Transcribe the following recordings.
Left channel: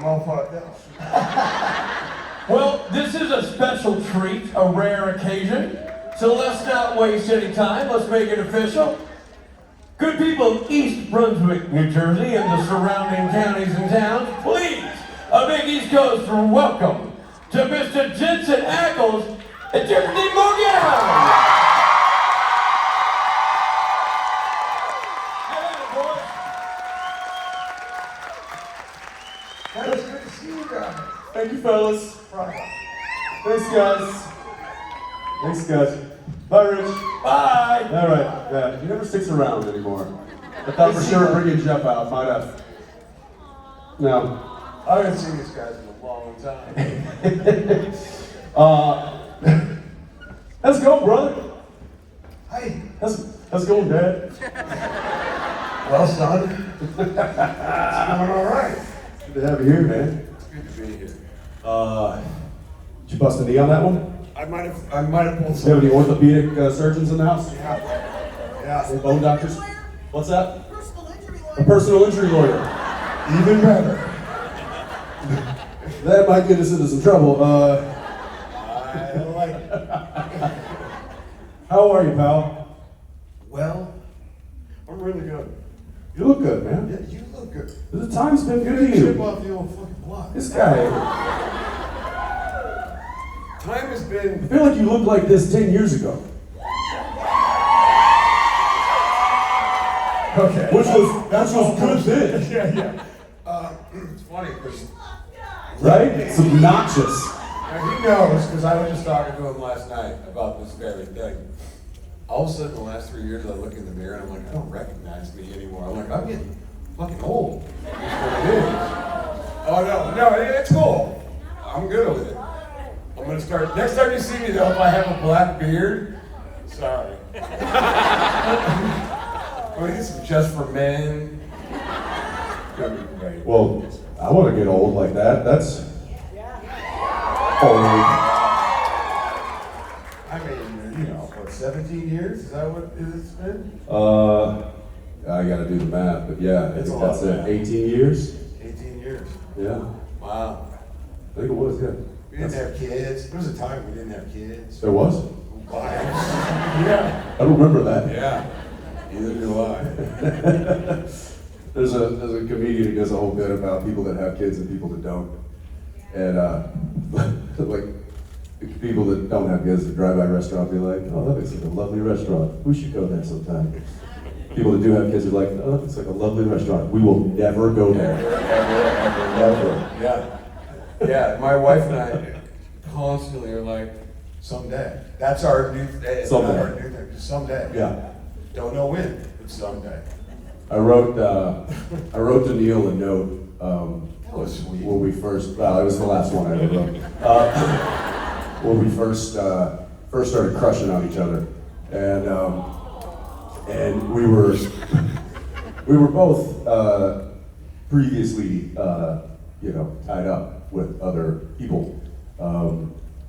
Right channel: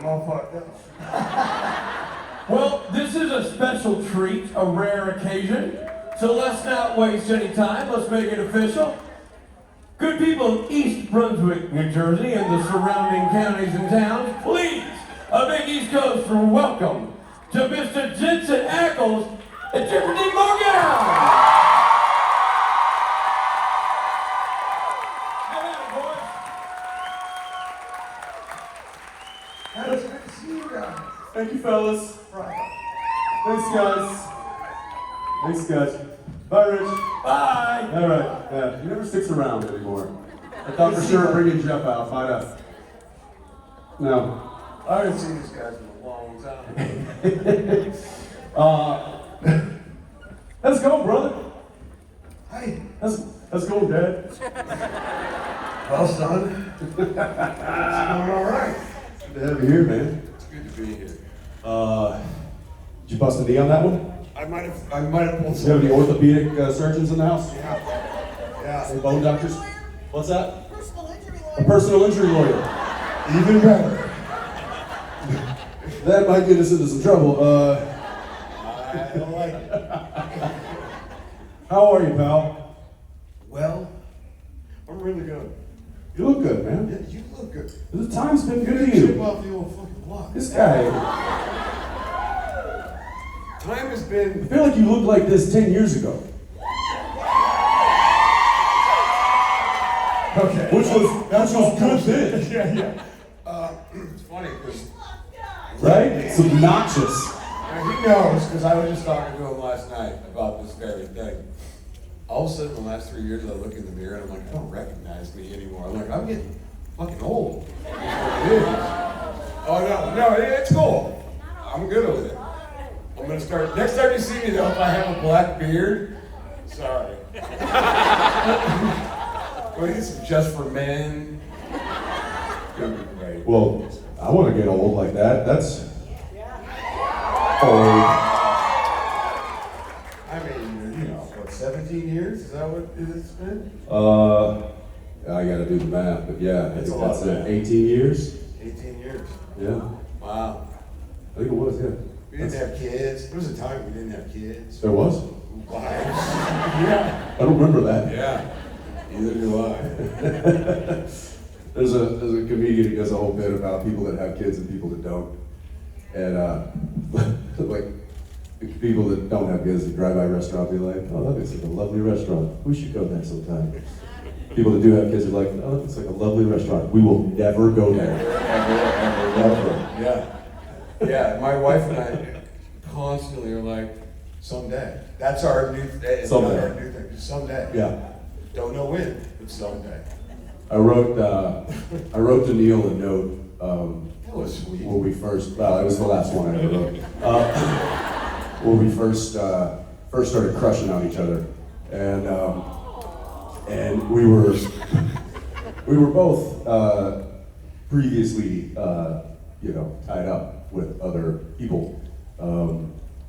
I'm all fucked up. Well, this is a special treat, a rare occasion. So let's not waste any time. Let's make it official. Good people of East Brunswick, New Jersey, and the surrounding counties and towns, please, a big East Coast welcome to Mr. Jensen Ackles and Tiffany Morgan. It's good to see you guys. Thank you, fellas. Right. Thanks, guys. Thanks, guys. Bye, Rich. Bye. All right. Yeah, he never sticks around anymore. I thought for sure bringing Jeff out. Find out. No. I haven't seen these guys in a long time. Let's go, brother. Hey, Let's go, Dad. well, son. It's going all right. Good to have you here, man. It's good to be here. Did you bust a knee on that one? I might have pulled Do you have some. any orthopedic surgeons in the house? Yeah. Any bone doctors? What's that? Personal injury lawyer. A personal injury lawyer. Even better. That might get us into some trouble. I like it. How are you, pal? Well, I'm really good. You look good, man. Yeah, you look good. The time's been good to Chip you. off the old fucking block. This guy, Time has I been. feel like you looked like this 10 years ago. Okay. Which was good then. Yeah. It's funny because Right? It's obnoxious. he knows because I was just talking to him last night about this very thing. All of a sudden, the last 3 years, I look in the mirror and I'm like, I don't recognize me anymore. I'm like, I'm getting fucking old. That's what it is. Oh no, it's cool. I'm good with it. I'm gonna start. Next time you see me though, if I have a black beard, sorry. We need some just for men. Gonna be great. Well, I want to get old like that. That's old. I mean, what, 17 years? Is that what it's been? I got to do the math, but yeah, I It's think a lot, that's man. 18 years. 18 years. Yeah, Wow. I think it was. Yeah, We didn't have kids. There was a time we didn't have kids. there was. Wives. Yeah. I don't remember that. Yeah. Neither do I. There's a comedian who does a whole bit about people that have kids and people that don't, and like the people that don't have kids that drive by a restaurant be like, oh, that looks like a lovely restaurant. We should go there sometime. People that do have kids are like, oh, that looks like a lovely restaurant. We will never go there. Never. Yeah. Yeah. My wife and I constantly are like, someday. That's our new thing. It's not Someday. our new thing. Someday. Yeah. Don't know when, but someday. I wrote to Neil a note That was sweet. when we first. Well, it was the last one I ever wrote. When we first started crushing on each other, and we were both previously tied up with other people,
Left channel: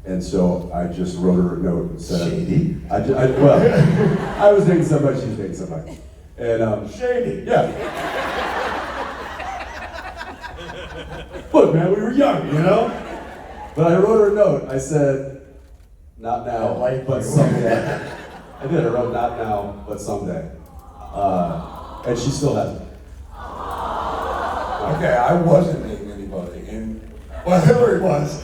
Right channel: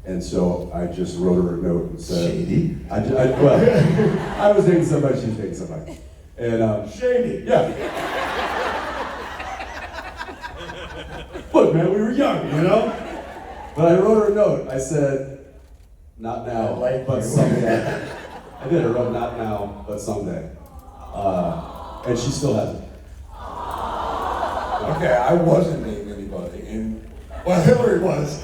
and so I just wrote her a note and said, Shady? I was dating somebody, she was dating somebody. And Shady. yeah. Look, man, we were young, But I wrote her a note. I said, not now, I like but you. someday. I did. I wrote, not now, but someday. And she still hasn't. Okay, I wasn't naming anybody, and well, Hillary was.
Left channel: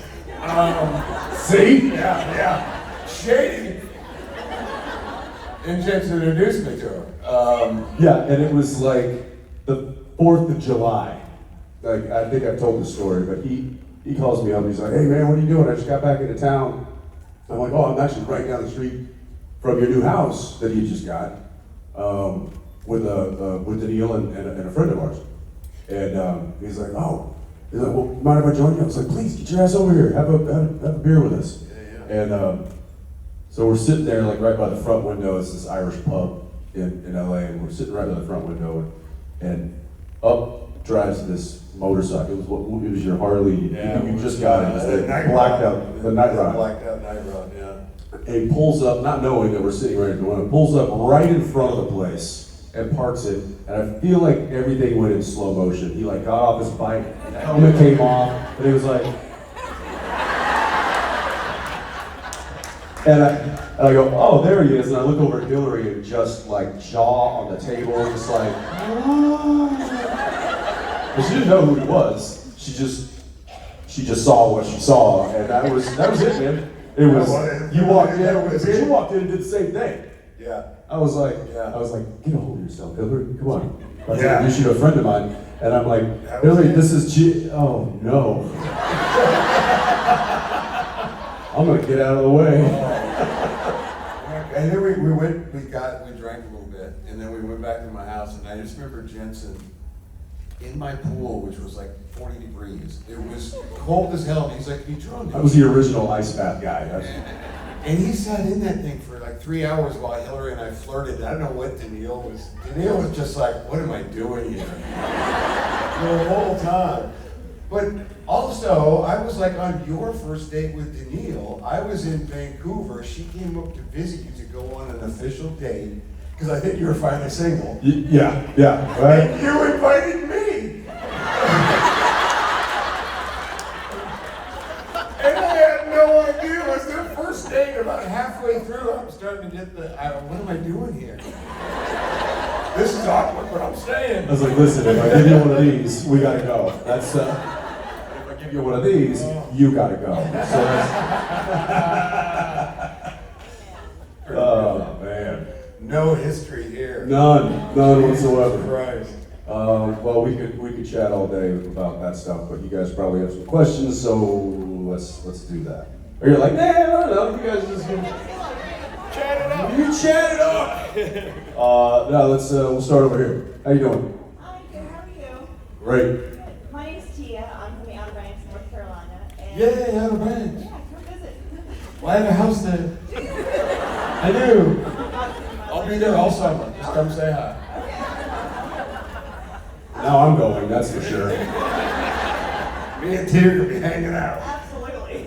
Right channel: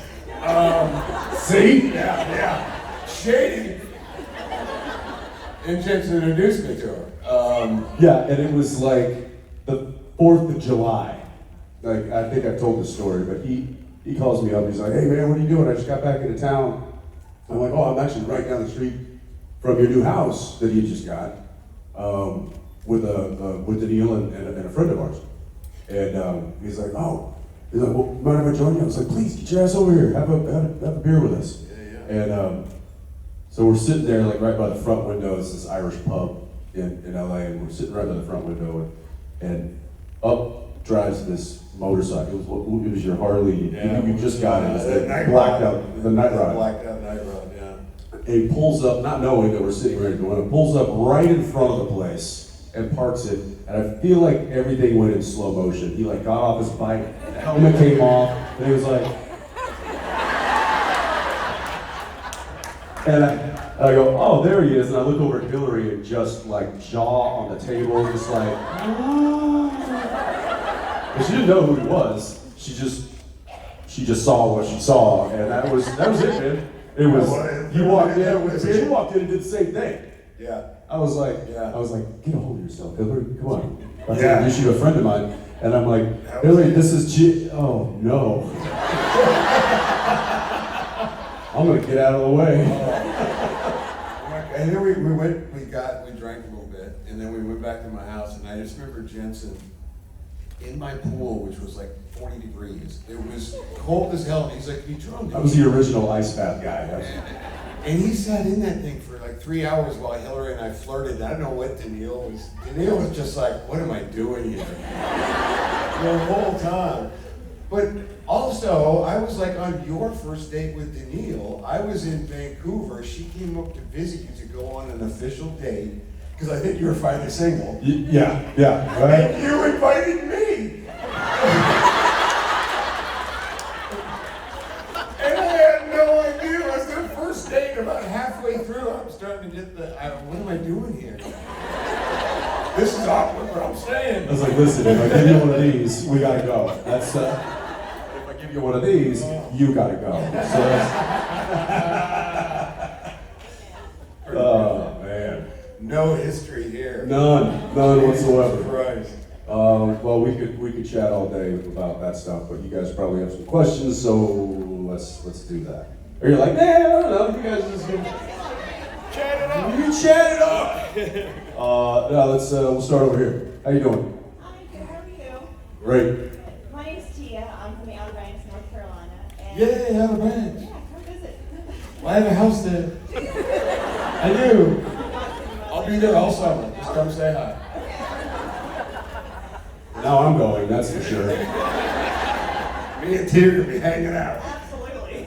See? Yeah. Shady. And Jensen introduced me to her. Yeah, and it was like the 4th of July. Like, I think I've told this story, but he calls me up and he's like, hey man, what are you doing? I just got back into town. I'm like, oh, I'm actually right down the street from your new house that you just got, with Daniil and a friend of ours. And he's like, well, mind if I join you? I was like, please, get your ass over here, have a beer with us. Yeah. And so we're sitting there like right by the front window. It's this Irish pub in LA, and we're sitting right by the front window, and up drives this motorcycle. It was your Harley. Yeah. You just got it. It's the The night blacked rod. out, the night rod. Blacked out night rod, yeah. And he pulls up, not knowing that we're sitting right at the window, pulls up right in front of the place, and parks it, and I feel like everything went in slow motion. He like got off his bike, the helmet came off, and he was like, and I go, oh, there he is, and I look over at Hillary and just like jaw on the table, just like, because she didn't know who he was. She just saw what she saw, and that was it, man. It was, you walked in and did the same thing. Yeah. I was like, Yeah. get a hold of yourself, Hillary, come on. I was Yeah. like, you should be a friend of mine. And I'm like, Hillary, this is oh no. I'm gonna get out of the way. And then we drank a little bit, and then we went back to my house, and I just remember Jensen in my pool, which was like 40 degrees. It was cold as hell, and he's like, you drunk? I was the original ice bath guy. And he sat in that thing for like 3 hours while Hillary and I flirted. I don't know what Daniil was. Daniil was just like, what am I doing here? The whole time. But also, I was like on your first date with Daniil. I was in Vancouver. She came up to visit you to go on an official date because I think you were finally single. Yeah, right? And you invited me. And I had no idea. It was the first date. About halfway through, I'm starting to get what am I doing here? This is awkward, but I'm staying. I was like, listen, if I give you one of these, we gotta go. That's, if I give you one of these, you gotta go. So, oh, man. No history here. None whatsoever. Christ. Well, we could chat all day about that stuff, but you guys probably have some questions, so let's do that. Or you're like, man, I don't know, you guys just Chat it up. you chat it up. No, we'll start over here. How you doing? Hi, good. How are you? Great. My name's Tia. I'm from the Outer Banks, North Carolina. And Yay, Outer Banks. Yeah, come visit. Well, I have a house there. I do. I'll be there all summer. Just come say hi. Now I'm going, that's for sure. Me and Tia will be hanging out. Absolutely.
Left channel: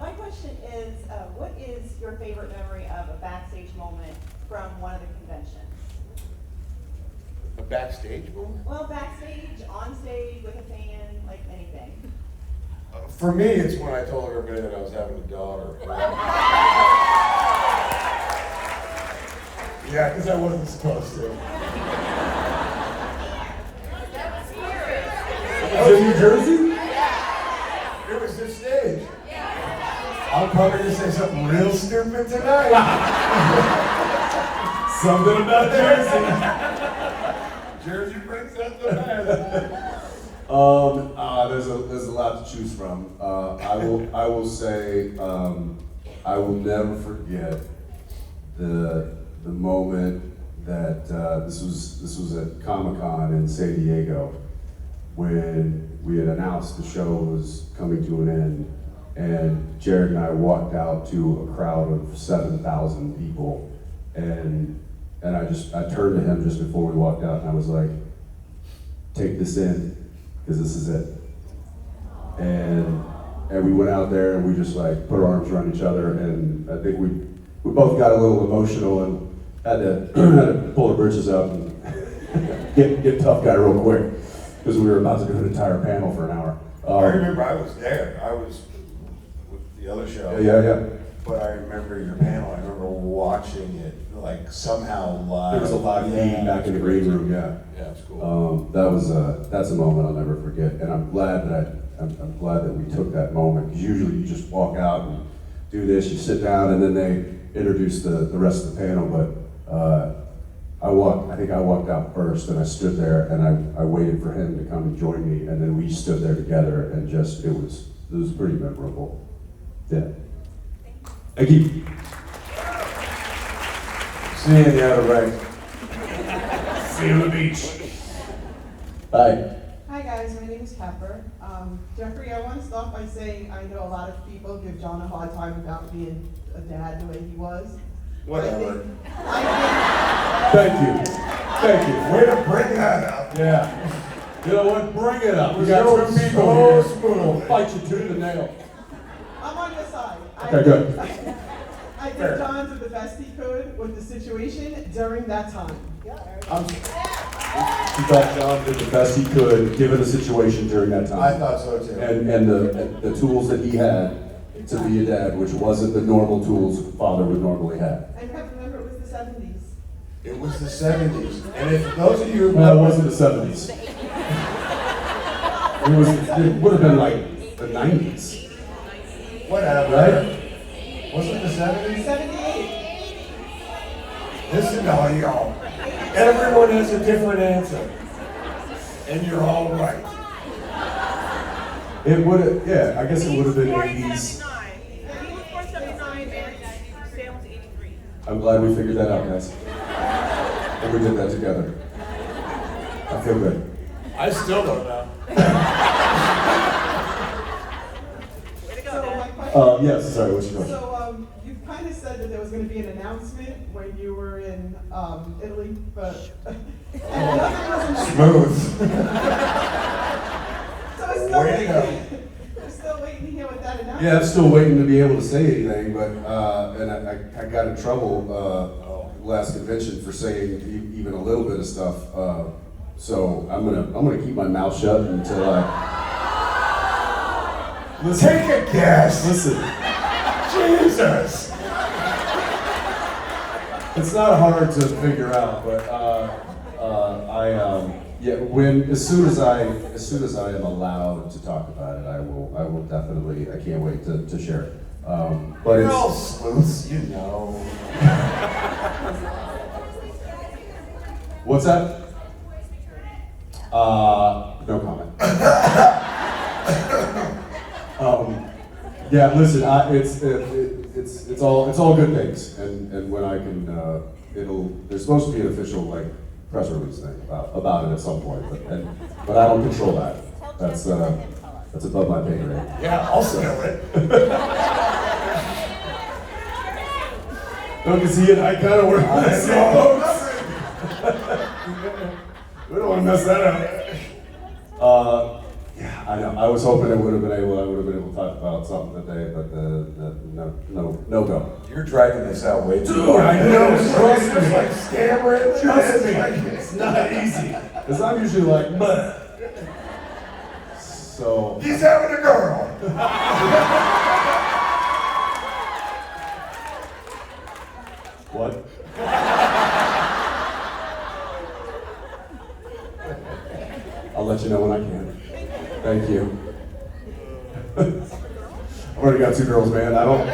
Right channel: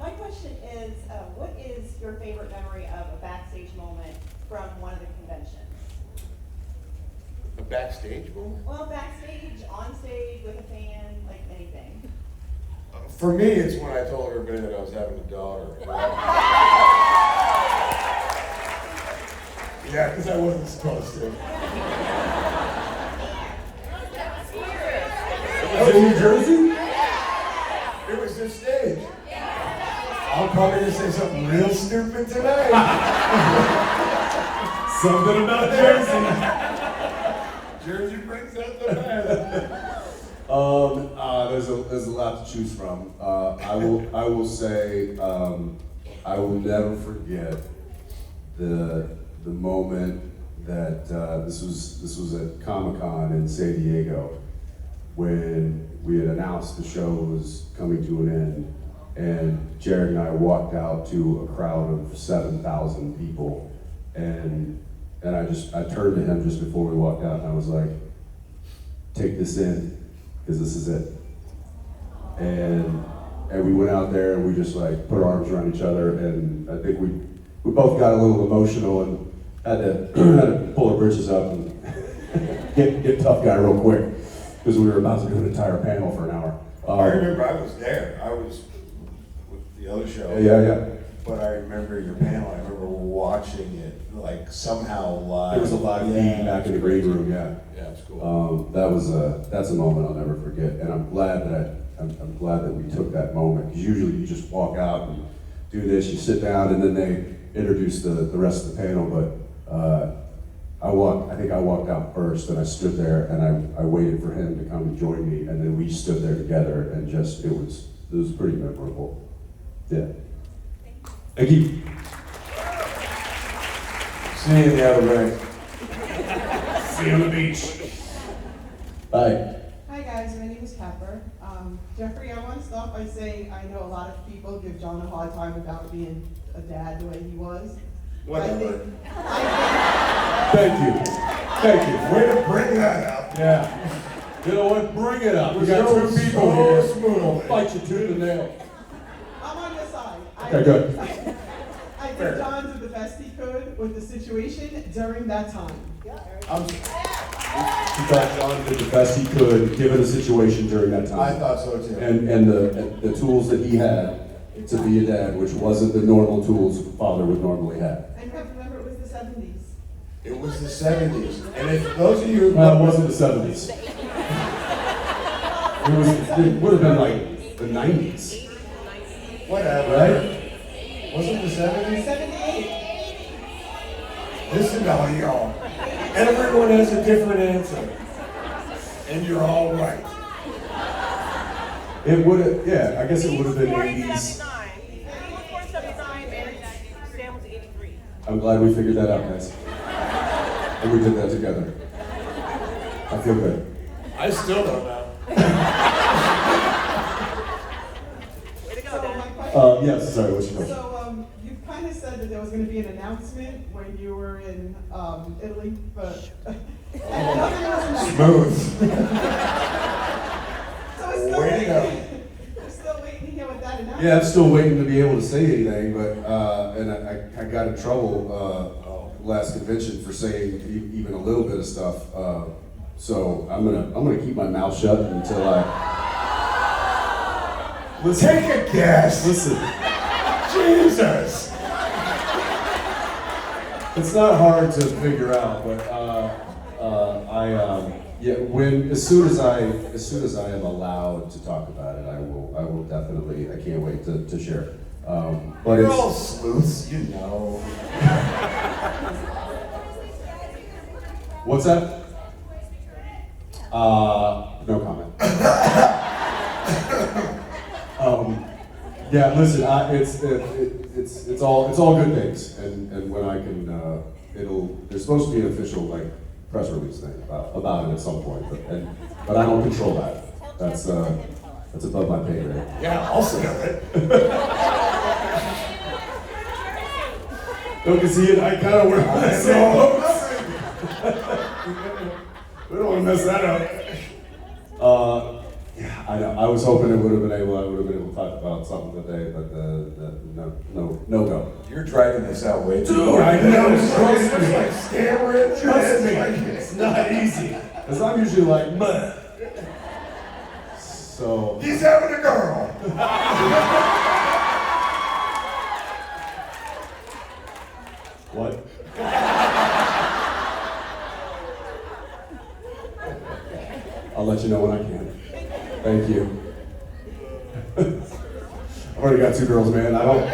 My question is, what is your favorite memory of a backstage moment from one of the conventions? A backstage moment? Well, backstage, on stage, with a fan, like anything. For me, it's when I told everybody that I was having a daughter. Yeah, because I wasn't supposed to. Was it New Jersey? It was this stage. I'm probably going to say something real stupid tonight. Something about Jersey. Jersey brings out the best. There's a lot to choose from. I will say I will never forget the moment that this was at Comic-Con in San Diego when we had announced the show was coming to an end, and Jared and I walked out to a crowd of 7,000 people, and I turned to him just before we walked out, and I was like, take this in, because this is it. And we went out there and we just like put our arms around each other, and I think we both got a little emotional and had to pull our britches up and get tough guy real quick, because we were about to do an entire panel for an hour. I remember I was there. I was with the other show. Yeah. But I remember your panel. I remember watching it like somehow live. There was a live feed back in the green room, yeah. Yeah, it's cool. That's a moment I'll never forget, and I'm glad that we took that moment, because usually you just walk out and do this, you sit down, and then they introduce the rest of the panel. But I think I walked out first, and I stood there and I waited for him to come and join me, and then we stood there together, and just it was pretty memorable. Yeah. Thank you. See you in the Outer Banks. See you on the beach. Bye. Hi guys, my name is Pepper. Jeffrey, I want to start by saying I know a lot of people give John a hard time about being a dad the way he was. Whatever. Thank you. Way to bring that up. Yeah. You know what? Bring it up. We We're got so two people here. smooth. We'll fight you tooth and nail. I'm on your side. Okay, good. I I think Fair. John did the best he could with the situation during that time. He thought John did the best he could, given the situation during that time. I thought so too. And the tools that he had to be a dad, which wasn't the normal tools a father would normally have. And you have to remember, it was the 70s. It was the 70s. And if those of you who Well, it wasn't the 70s. It would have been like the 90s, whatever, right? Was it the 70s? 78. Listen to y'all. Everyone has a different answer. And you're all right. It would have, yeah, I guess it would have been 80s. I'm glad we figured that out, guys. And we did that together. I feel good. I still don't know. So my question, Yes, sorry, what's your question? so you kind of said that there was going to be an announcement when you were in Italy, but nothing was announced. Smooth. So we're still Way to go. waiting. We're still waiting to hear what that announcement. Yeah, I'm still waiting to be able to say anything, but, and I got in trouble, last convention for saying even a little bit of stuff, so I'm gonna keep my mouth shut until listen, Take a guess. listen, Jesus. it's not hard to figure out, but, as soon as I am allowed to talk about it, I will definitely, I can't wait to share it. But You're it's, all sleuths, you know. what's that? No comment. Yeah, listen, it's all good things, and when I can, there's supposed to be an official like press release thing about it at some point, but I don't control that. That's above my pay grade. Yeah, I'll sell it. No, because he and I kind of work in the same boat. We don't want to mess that up. Yeah, I know. I was hoping I would have been able to talk about something today, but no go. You're dragging this out way too Dude, long. I know, trust It's me. like stammering. Trust me, It's it's not easy. Because I'm usually like, meh. So, He's having a girl. what? I'll let you know when I can. Thank you. I've already got 2 girls, man. I don't.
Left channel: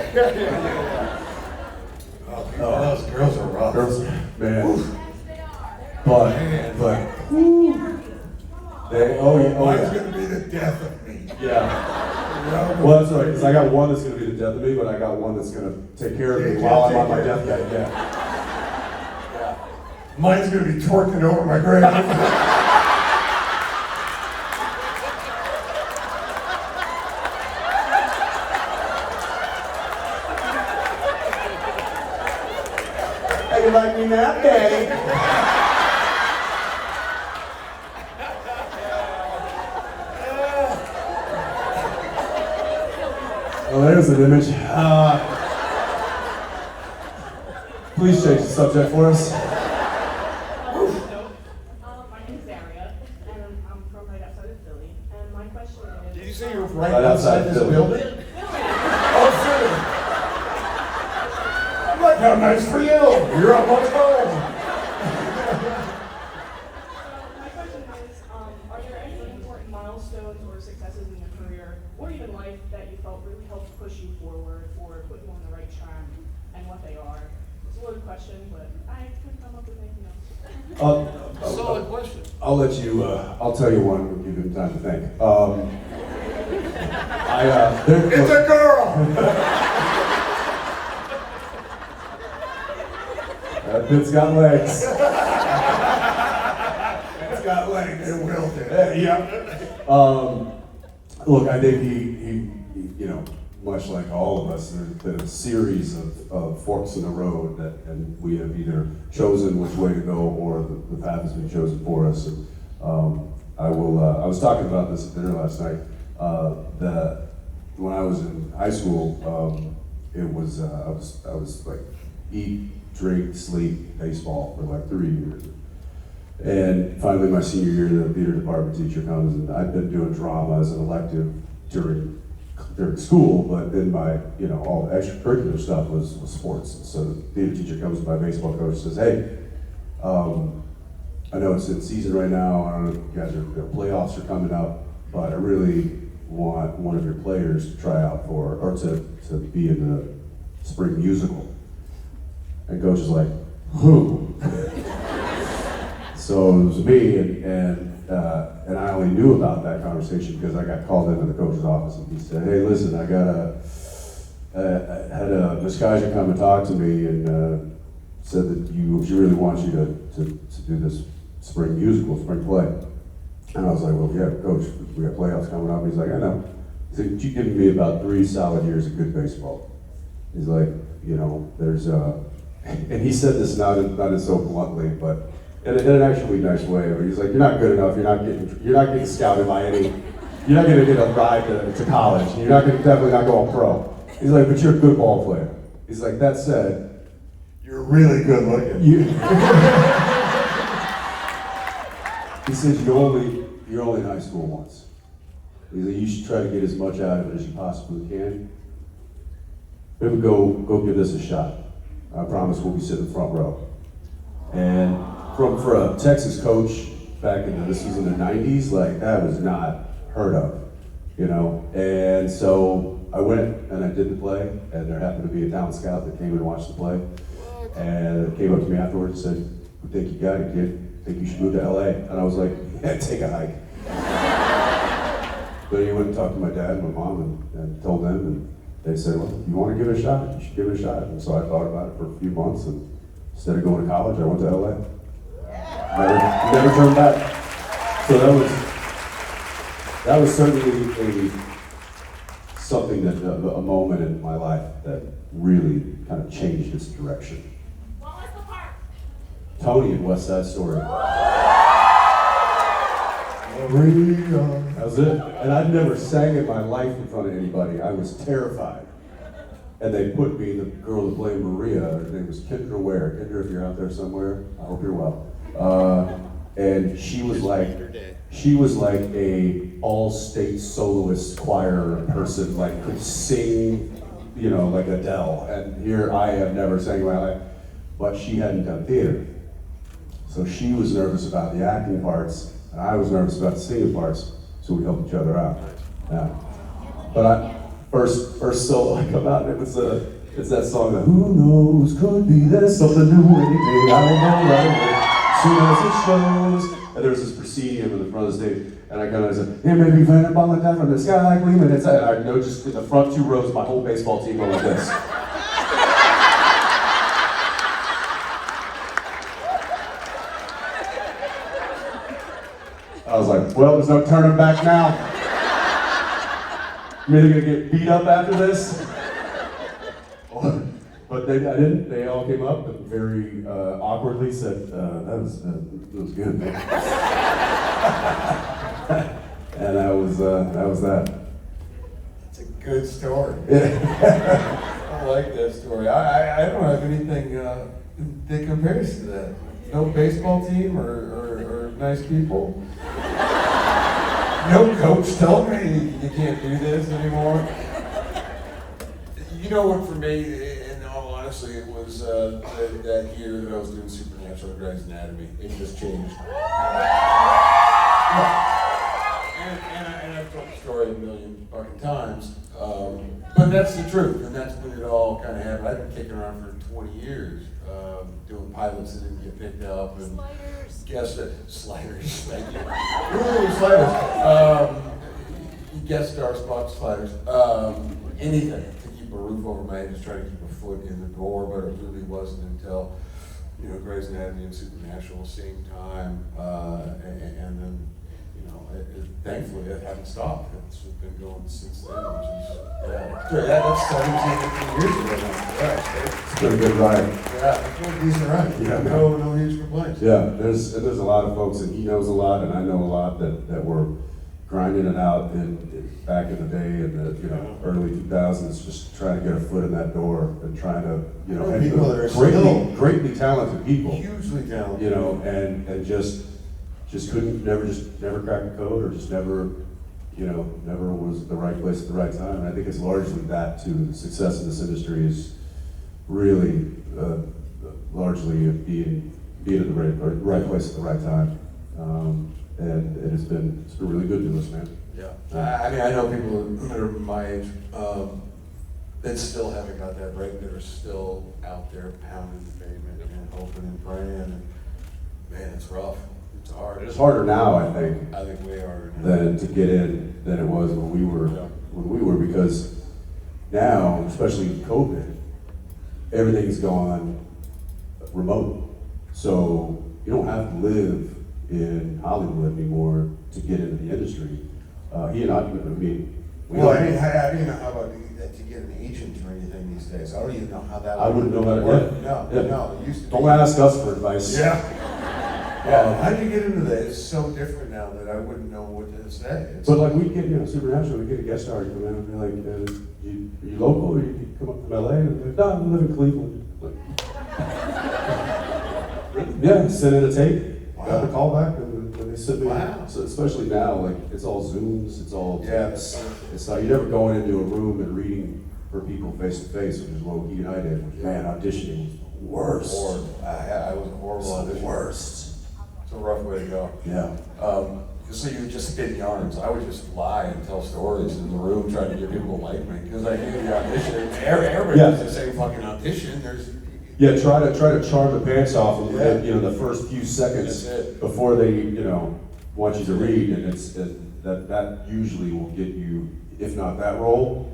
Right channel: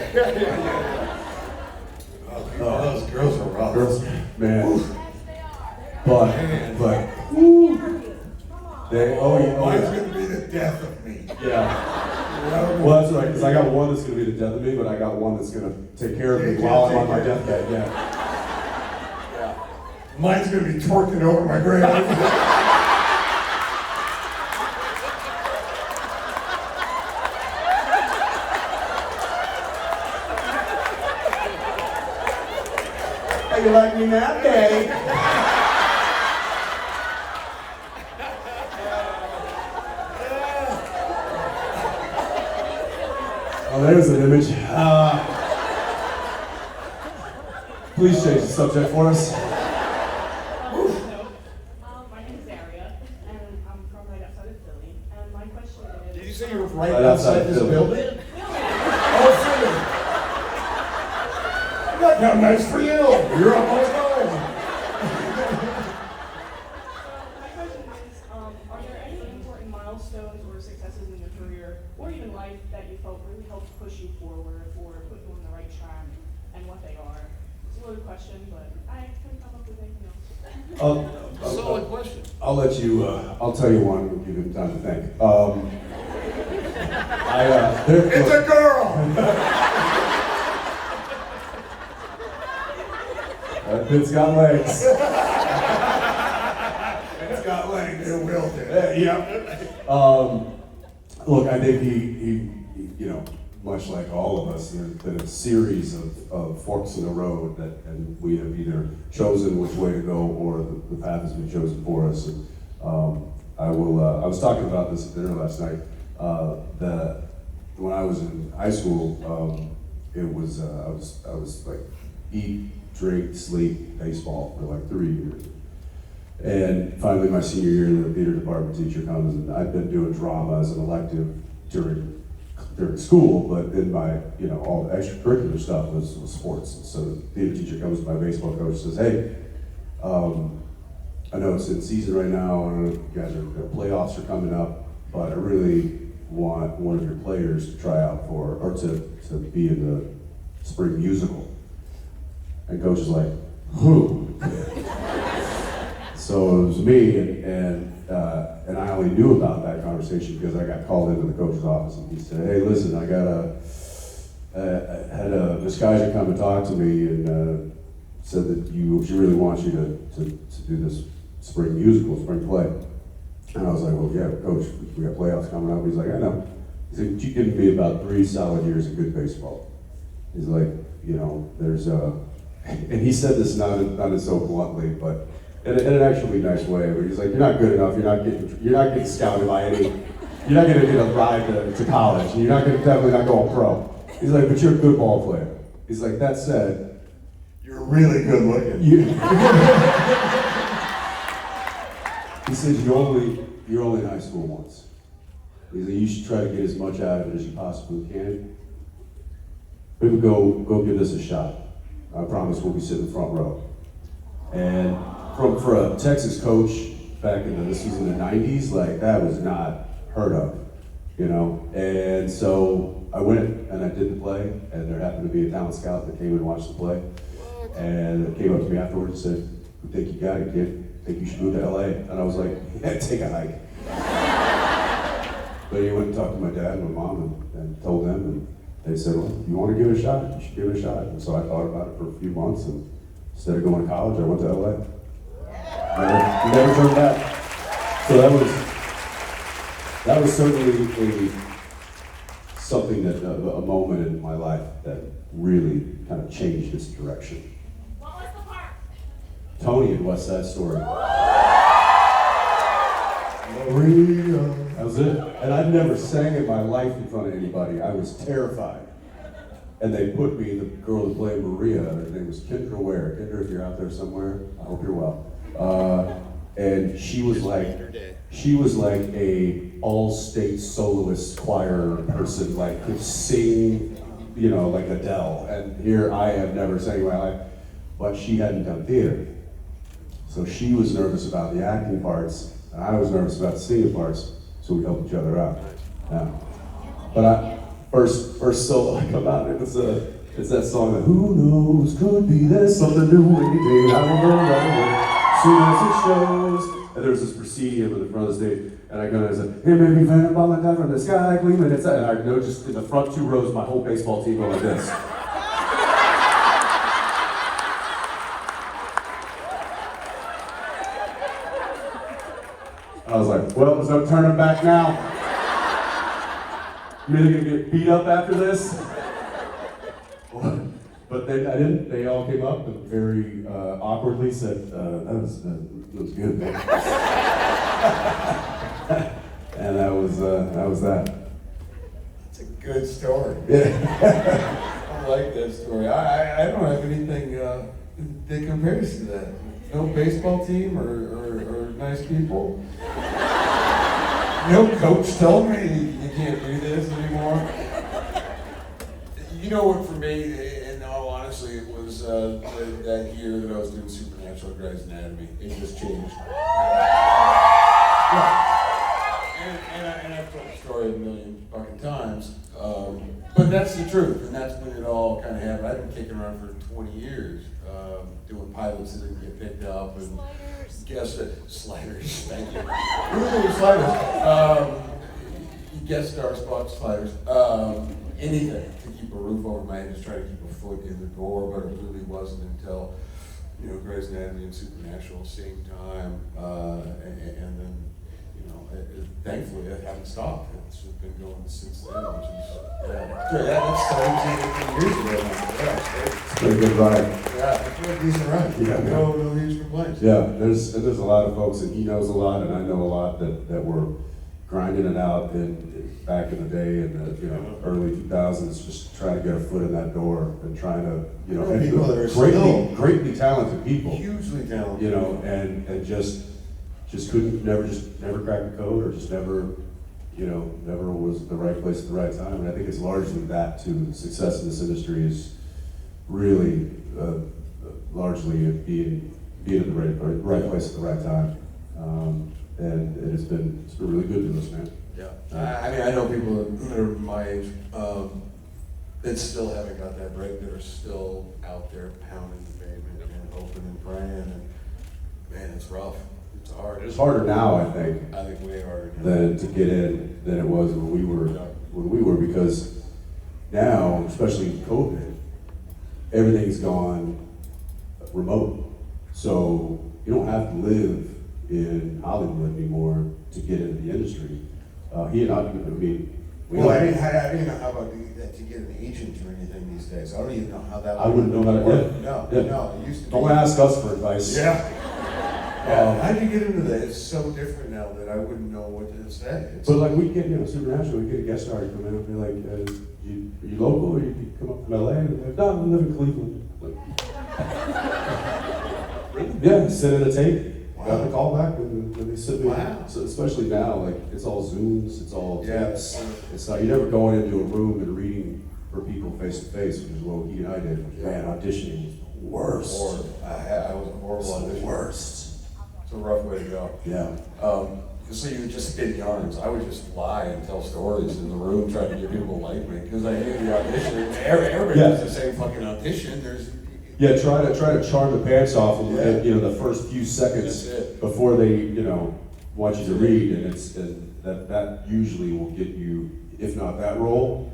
Those girls are rough. Girls, man. But they. Mine's gonna be the death of me. Yeah. Well, that's right. Because I got one that's gonna be the death of me, but I got one that's gonna take care of me while I'm on my deathbed. Yeah. Mine's gonna be twerking over my grave. How you like me now, Daddy? Well, there's an image. Please change the subject for us. My name is Daria, and I'm from right outside of Philly. And my question is... Did you say you're right Right outside outside this Philly. building? Oh, Philly. Look how nice for you. You're almost home. My question is, are there any important milestones or successes in your career, or even life, that you felt really helped push you forward or put you on the right track, and what they are? It's a loaded question, but I couldn't come up with anything else. Solid question. I'll let you. I'll tell you one. and Give you time to think. It's a girl. That bit's got legs. It's got legs. It will do. Yeah. Look, I think he, you know, much like all of us, there's been a series of forks in the road and we have either chosen which way to go or the path has been chosen for us. And I was talking about this at dinner last night. That when I was in high school, it was I was like eat, drink, sleep, baseball for like 3 years. And finally, my senior year, the theater department teacher comes, and I've been doing drama as an elective during school, but then my, all the extracurricular stuff was sports. And so the theater teacher comes to my baseball coach and says, hey, I know it's in season right now, I don't know if you guys the playoffs are coming up, but I really want one of your players to try out or to be in the spring musical. And coach is like, who? So it was me, and I only knew about that conversation because I got called into the coach's office, and he said, hey, listen, I had this guy come and talk to me, and said that she really wants you to do this spring musical, spring play. And I was like, well, yeah, coach, we got playoffs coming up. He's like, I know. He said, you give me about 3 solid years of good baseball. He's like, there's and he said this not in so bluntly, but in an actually nice way. But he's like, you're not good enough. You're not getting scouted by any. You're not going to get a ride to college. You're definitely not going pro. He's like, but you're a good ball player. He's like, that said, you're really good looking. He says you're only in high school once. He's like, you should try to get as much out of it as you possibly can. Maybe go give this a shot. I promise we'll be sitting front row. And for a Texas coach back in this was in the 90s, like that was not heard of, And so I went and I did the play, and there happened to be a talent scout that came and watched the play, and came up to me afterwards and said, "We think you got it, kid. I think you should move to LA." And I was like, "Yeah, take a hike." But he went and talked to my dad and my mom and told them, and they said, "Well, if you want to give it a shot, you should give it a shot." And so I thought about it for a few months, and instead of going to college, I went to LA. Never turned back. So that was certainly something that a moment in my life that really kind of changed its direction. What was the part? Tony in West Side Story. Maria. That was it. And I'd never sang in my life in front of anybody. I was terrified. And they put me, the girl that played Maria, her name was Kendra Ware. Kendra, if you're out there somewhere, I hope you're well. And she was like a all-state soloist choir person, like could sing, like Adele. And here I have never sang in my life, but she hadn't done theater. So she was nervous about the acting parts, and I was nervous about the singing parts, so we helped each other out. Yeah. But first solo I come out, and it's that song that, who knows, could be there's something new, anything I don't know. Soon as it shows, and there was this proscenium in the front of the stage, and I kind of said, it made me find a ball down from the sky gleaming inside. I know just in the front 2 rows, my whole baseball team went like this. I was like, well, there's no turning back now. I'm really gonna get beat up after this. But I didn't. They all came up and very awkwardly said, that was good. And that was that. It's a good story. Yeah. I like that story. I don't have anything that compares to that. No baseball team or nice people. No coach telling me you can't do this anymore. You know what, for me, in all honesty, it was that year that I was doing Supernatural Grey's Anatomy. It just changed. And I've told the story a million fucking times. But that's the truth, and that's when it all kind of happened. I've been kicking around for 20 years, doing pilots that didn't get picked up, and guest sliders, thank you. Ooh, sliders. Guest star spots, sliders. Anything to keep a roof over my head, just try to keep a foot in the door, but it really wasn't until, Grey's Anatomy and Supernatural at the same time, and then, thankfully it hasn't stopped. It's been going since then, which is, that's 17 years ago. Yeah, It's been a good ride. it's been a decent ride. Yeah, no huge complaints. Yeah, there's a lot of folks, and he knows a lot, and I know a lot that were grinding it out back in the day in the early 2000s, just trying to get a foot in that door and trying to and people that are greatly talented people, hugely talented, and just couldn't never crack a code, or just never was at the right place at the right time. And I think it's largely that too. The success in this industry is really largely being at the right place at the right time. And it's been really good to us, man. Yeah. I mean, I know people that are my age that still haven't got that break, that are still out there pounding the pavement and hoping and praying. And man, it's rough. It's hard. It's harder now, I think, way harder now. than to get in than it was when we were, because now, especially in COVID, everything's gone remote. So you don't have to live in Hollywood anymore to get into the industry. He and I mean, Well, I mean, how about to get an agent or anything these days? I don't even know how that. I wouldn't know how to. work. Yeah. No, it used to be. Don't ask us for advice. Yeah. How'd you get into that? It's so different now that I wouldn't know what to say. But like we get, Supernatural, we get a guest star come in and be like, are you local, or you come up from LA? And they're like, no, I live in Cleveland. Like, yeah, send in a tape. Got the call back, and they sent me. Wow. So especially now, like it's all Zooms, it's all Yes. It's not, you're never going into a room and reading for people face to face, which is what he and I did. Man, auditioning was worst. Horrible. I was a horrible audition. Worst. It's a rough way to go. Yeah. So you would just spin yarns. I would just lie and tell stories in the room, trying to get people to like me, because I knew the audition. Everybody does the same fucking audition. Yeah, try to charm the pants off them, Yeah. the first few seconds That's it. before they, want you to read, and that usually will get you, if not that role,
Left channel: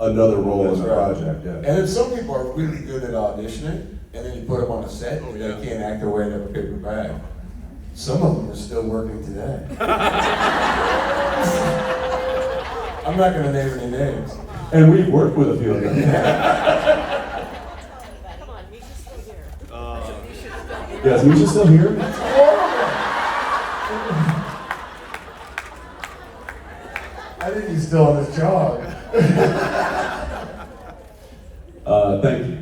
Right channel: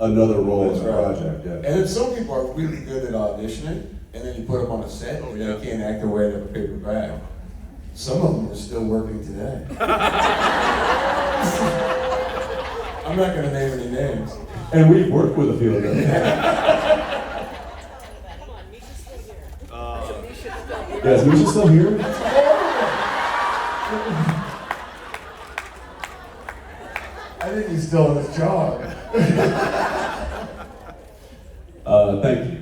another role in the project. Yeah. And then some people are really good at auditioning, and then you put them on a set, and they can't act their way out of a paper bag. Some of them are still working today. I'm not going to name any names. And we've worked with a few of them. Yeah, is Misha still here? I think he's still on his job. Thank you.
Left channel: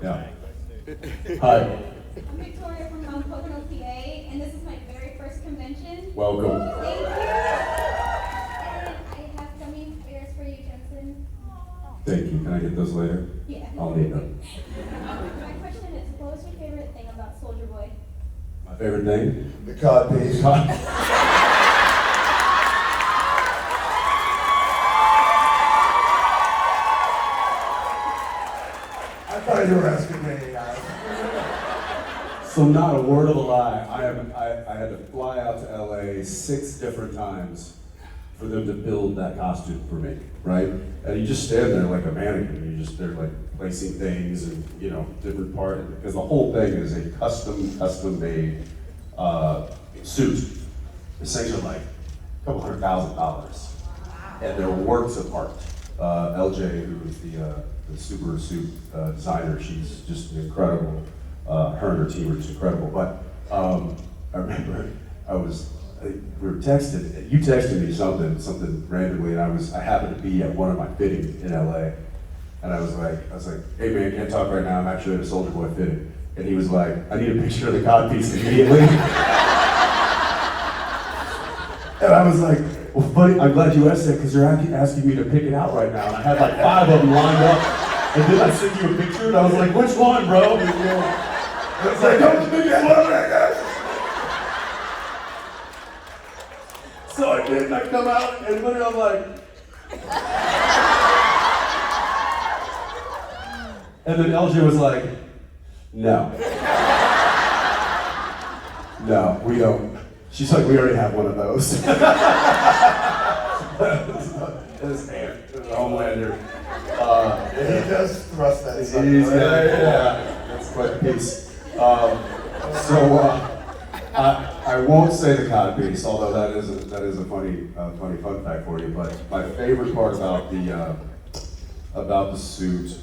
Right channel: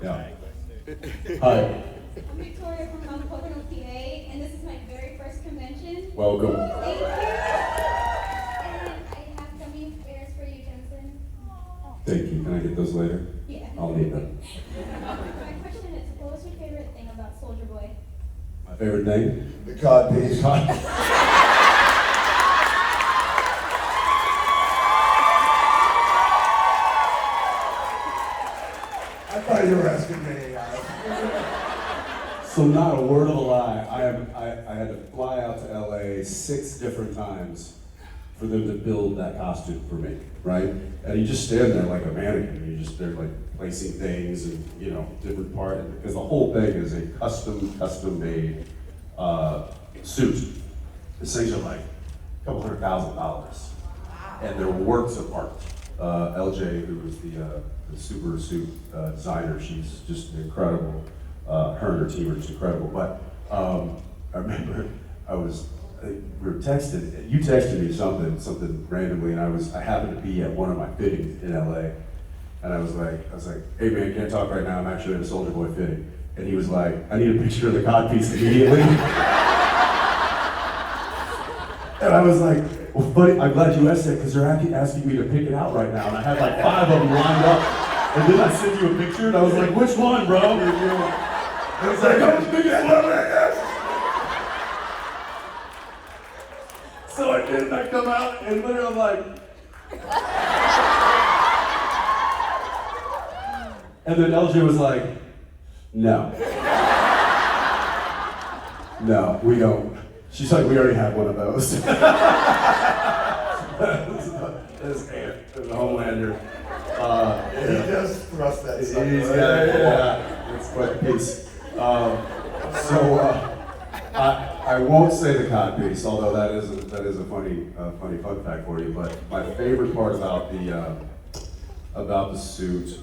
Yeah. Hi. I'm Victoria from Mount Pocono, PA, and this is my very first convention. Welcome. Thank you. And I have gummy bears for you, Jensen. Thank you. Can I get those later? Yeah. I'll need them. My question is, what was your favorite thing about Soldier Boy? My favorite thing? The cod piece. I thought you were asking me. So not a word of a lie. I had to fly out to LA 6 different times for them to build that costume for me, right? And you just stand there like a mannequin. They're like placing things and different parts, because the whole thing is a custom made suit. These things are like a couple $100,000, and they're works of art. LJ, who is the super suit designer, she's just incredible. Her and her team are just incredible. But I remember we were texting. You texted me something randomly, and I happened to be at one of my fittings in LA, and I was like, hey man, can't talk right now. I'm actually at a Soldier Boy fitting, and he was like, I need a picture of the codpiece immediately. And I was like, well, buddy, I'm glad you asked that, because they're asking me to pick it out right now. And I had like 5 of them lined up. And then I sent you a picture, and I was like, which one, bro? And I was like, oh, the biggest one right now. So I did, and I come out, and literally I'm like, and then LJ was like, no. No, we don't. She's like, we already have one of those. His hand, the Homelander. He does thrust that stuff. Yeah, it's quite a piece. I won't say the cod piece, although that is a funny fun fact for you. But my favorite part about the suit,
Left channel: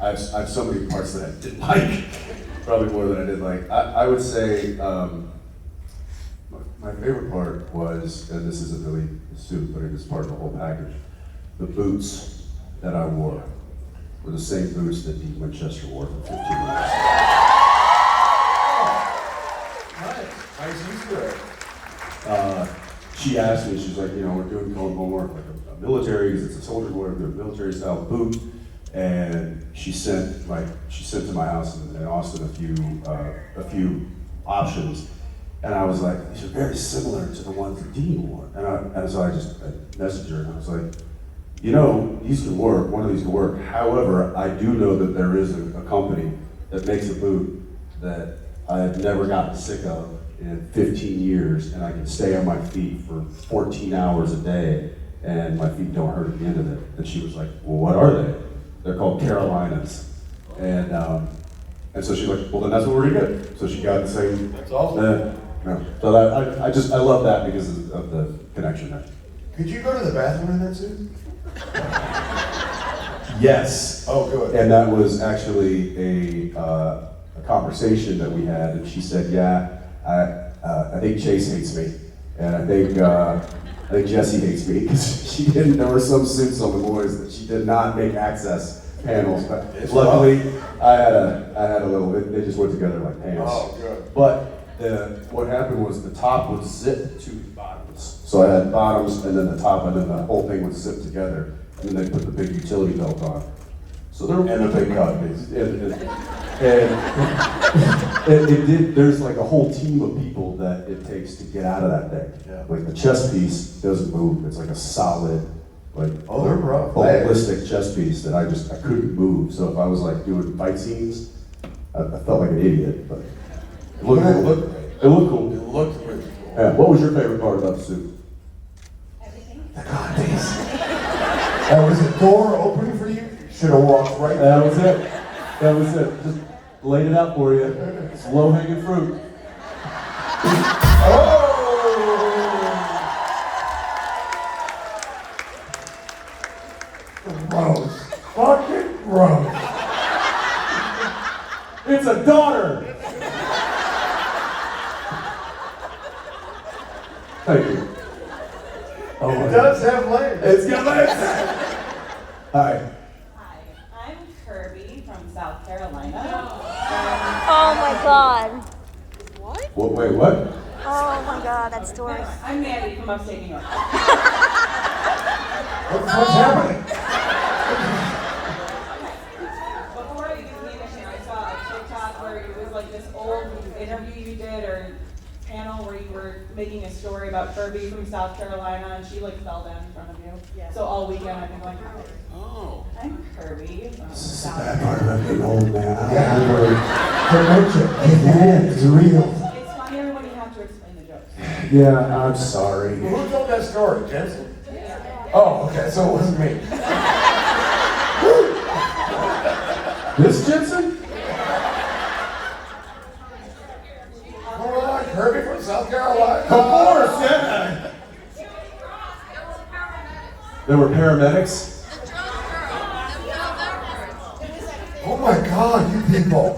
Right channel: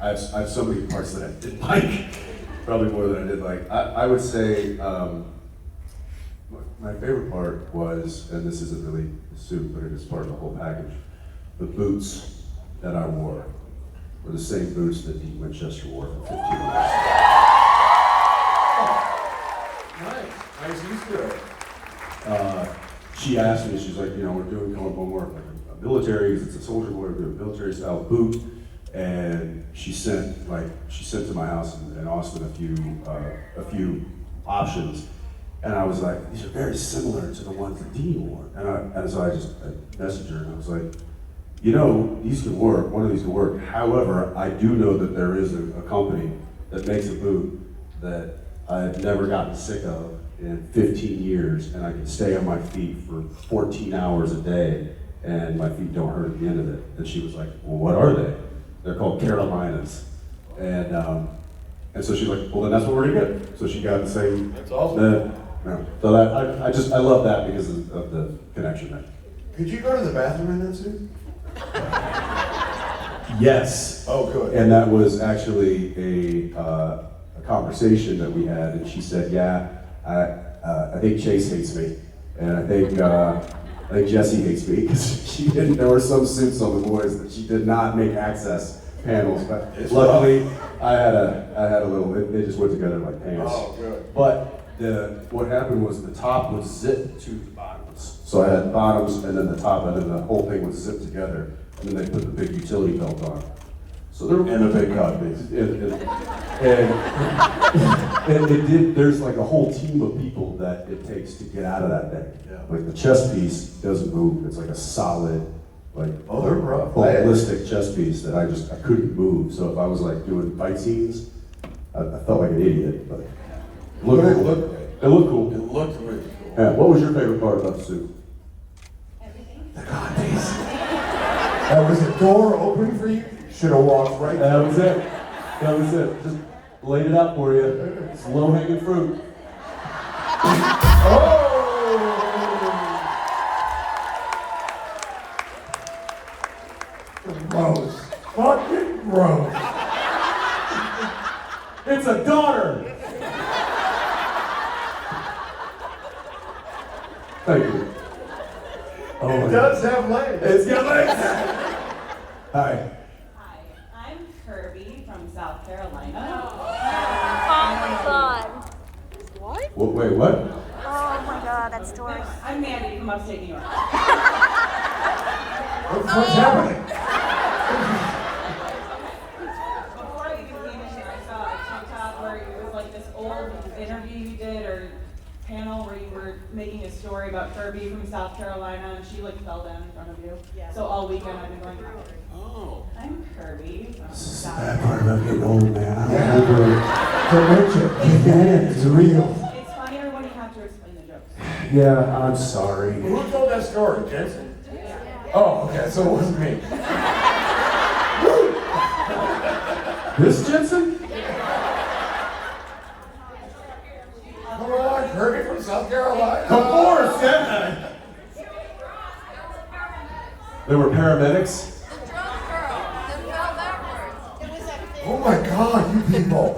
I have so many parts that I didn't like, probably more than I did like. I would say My favorite part was, and this isn't really the suit, but it is part of the whole package, the boots that I wore were the same boots that Dean Winchester wore for 15 years. Nice Easter egg. She asked me, she's like, we're doing homework, like a military, because it's a soldier wear, a military style boot, and she sent to my house in Austin a few options, and I was like, these are very similar to the ones that Dean wore, and so I messaged her, and I was like, these can work, one of these can work. However, I do know that there is a company that makes a boot that I've never gotten sick of in 15 years, and I can stay on my feet for 14 hours a day, and my feet don't hurt at the end of it. And she was like, well, what are they? They're called Carolinas. And so she's like, well, then that's what we're gonna get. So she got the same. That's awesome. So I love that because of the connection there. Could you go to the bathroom in that suit? Yes. Oh, good. And that was actually a conversation that we had, and she said, yeah, I think Chase hates me, and I think Jesse hates me, because there were some suits on the boys that she did not make access panels, but luckily I had a little, they just went together like pants. Oh, good. But what happened was the top was zipped to the bottoms. So I had bottoms and then the top, and then the whole thing was zipped together, and then they put the big utility belt on. So there And the big copies. And it did, there's like a whole team of people that it takes to get out of that thing. Yeah. Like the chest piece doesn't move, it's like a solid, like Oh, they're rough. holistic chest piece that I couldn't move. So if I was like doing fight scenes, I felt like an idiot, but it looked It cool. looked great. It looked cool. It looked really cool. Yeah, what was your favorite part about the suit? Everything. That was a door open for you? Should have walked right That was it. That was it. Just laid it out for you. It's low-hanging fruit. Oh! Gross. Fucking gross. It's a daughter! Thank you. Oh, It does have legs. It's got legs! Hi. Hi, I'm Kirby from South Carolina. Oh my god. Wait, what? Oh my god, that story. I'm Mandy from upstate New York. What's happening? Before I became a shit, I saw a TikTok where it was like this old interview you did or panel where you were making a story about Kirby from South Carolina, and she like fell down in front of you. Yeah. So all weekend I've been going, Oh. I'm Kirby from South Bad Carolina. part about getting old, man. It's real. It's funnier when you have to explain the jokes. Yeah, I'm sorry. Who told that story? Jensen? Oh, okay, so it wasn't me. This Jensen? Go on, Kirby from South Carolina. Before, Sam. There were paramedics. Oh my God, you people.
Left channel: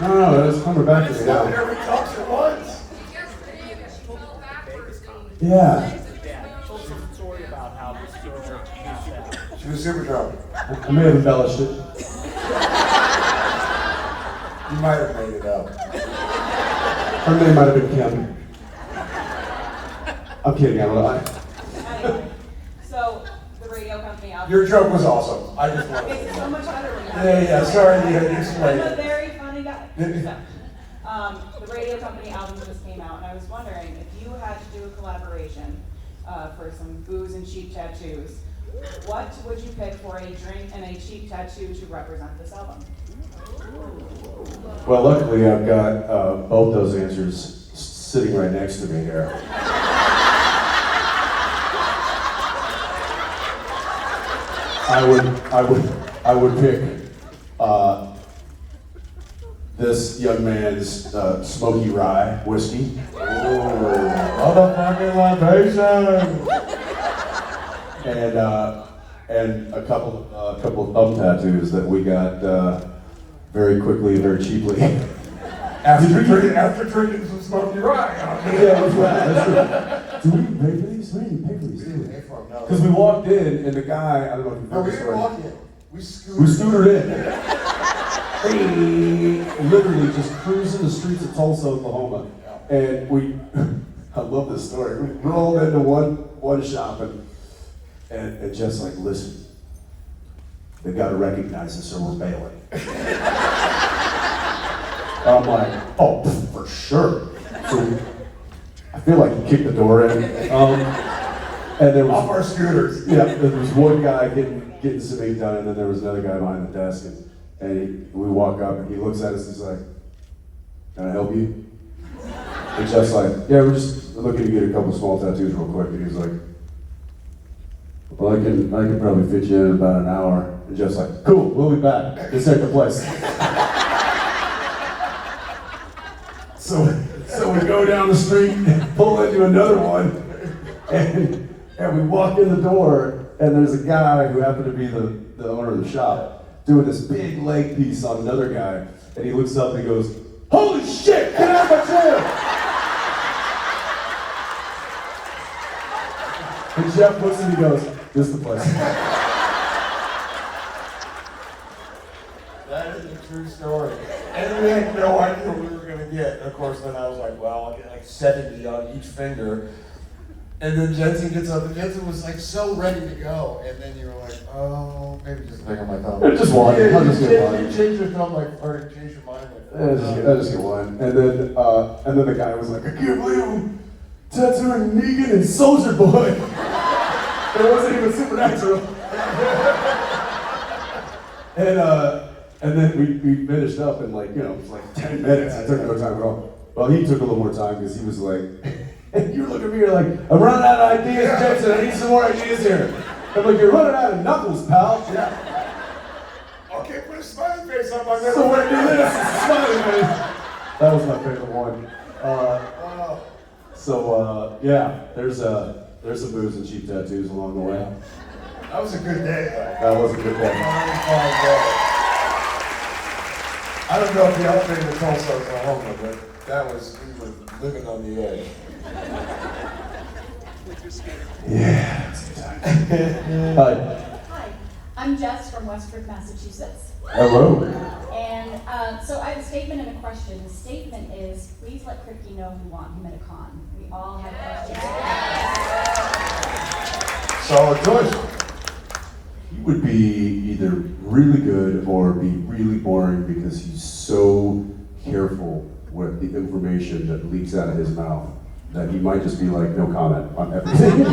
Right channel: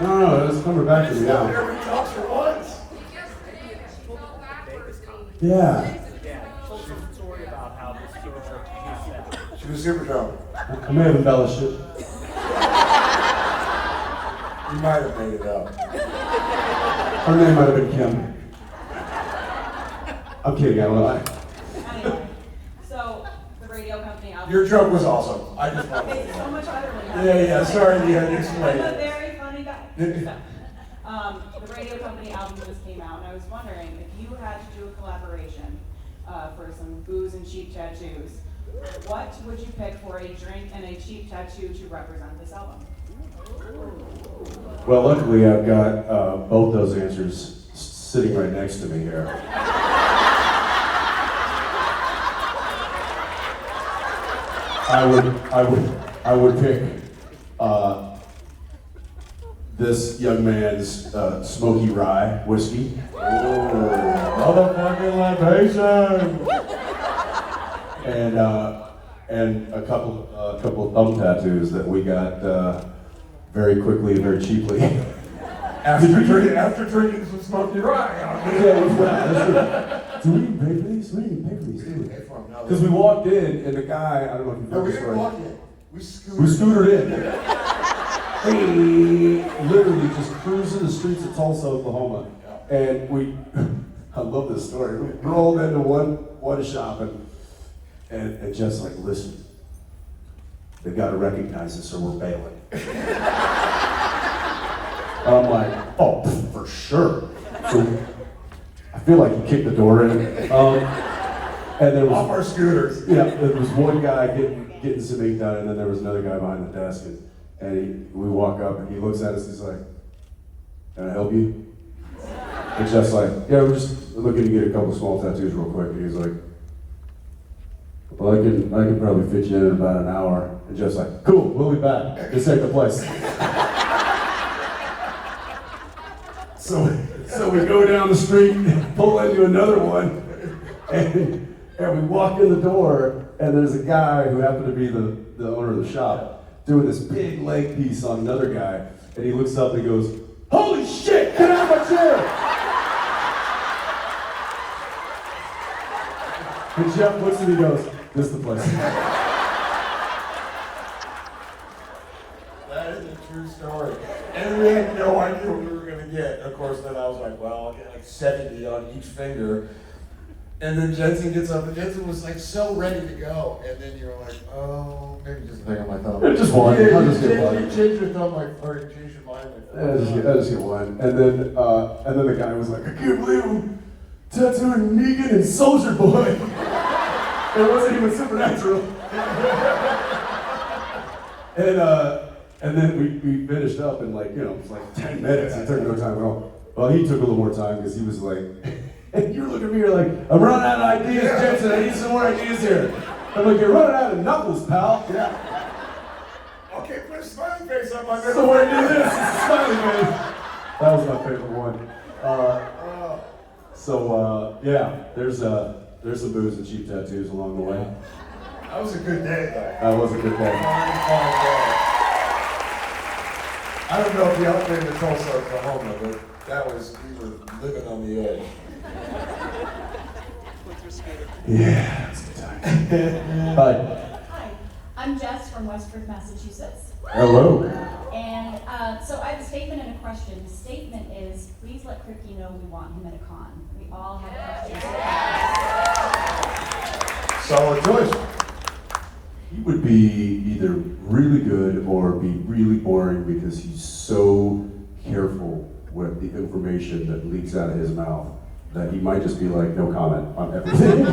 No, it's coming back to me Now now. every talks for once. Yeah. Yeah, you told some story about how this girl passed out. She was super drunk. I may have embellished it. You might have made it up. Her name might have been Kim. I'm kidding, I lied. Anyway, so the radio company out Your joke was awesome. I just wanted It's so much better than that. Yeah, sorry you had to explain I'm a it. very funny guy. The radio company album just came out, and I was wondering if you had to do a collaboration for some booze and cheap tattoos, what would you pick for a drink and a cheap tattoo to represent this album? Well, luckily I've got both those answers sitting right next to me here. I would pick this young man's smoky rye whiskey. Motherfucking libation! And a couple of thumb tattoos that we got very quickly and very cheaply After drinking some Smoky Rock. Do we even pay for these? We didn't even pay for these, did we? Because we walked in, and the guy, I don't know if you've No, heard we the didn't story. walk in. We We scooted. scootered in. Hey, literally just cruising the streets of Tulsa, Oklahoma. And we, I love this story. We rolled into one shop and Jeff's like, listen, they gotta recognize us or we're bailing. I'm like, oh, for sure. So I feel like he kicked the door in. And there was Off our scooters. yeah, there was one guy getting some ink done, and then there was another guy behind the desk, and we walk up, and he looks at us, he's like, "Can I help you?" And Jeff's like, "Yeah, we're just looking to get a couple small tattoos real quick." And he's like, "Well, I could probably fit you in about an hour." And Jeff's like, "Cool, we'll be back. Just take the place." So we go down the street, pull into another one, and we walk in the door, and there's a guy who happened to be the owner of the shop doing this big leg piece on another guy, and he looks up and he goes, "Holy shit, get out of my chair!" And Jeff looks and he goes, "This is the place." That is a true story. And we had no idea what we were going to get. And of course, then I was like, well, I'll get like 70 on each finger. And then Jensen gets up, and Jensen was like so ready to go. And then you were like, oh, maybe just hang on my thumb. Just one. Yeah, I'll you just get one. changed your thumb like, or you changed your mind like I just get one. And then the guy was like, "I can't believe I'm tattooing Negan and Soldier Boy." It wasn't even supernatural. And then we finished up in like, it was like 10 minutes. It took no time at all. Well, he took a little more time because he was like, you're looking at me, you're like, "I'm running out of ideas, Jensen. I need some more ideas here." I'm like, "You're running out of knuckles, pal." Yeah. okay, put a smiley face on my middle So what do finger. this? Smiley face. That was my favorite one. Wow. Yeah, there's some moves and cheap tattoos along the way. That was a good day, though. That was a good day. I don't know if the upgrade in Tulsa was a home, but that was, we were living on the edge. Yeah, that's a good time. Bye. Hi, I'm Jess from Westford, Massachusetts. Hello. And so I have a statement and a question. The statement is, please let Ricky know we want him at a con. We all have questions. Solid choice. He would be either really good or be really boring because he's so careful with the information that leaks out of his mouth that he might just be like, no comment on everything.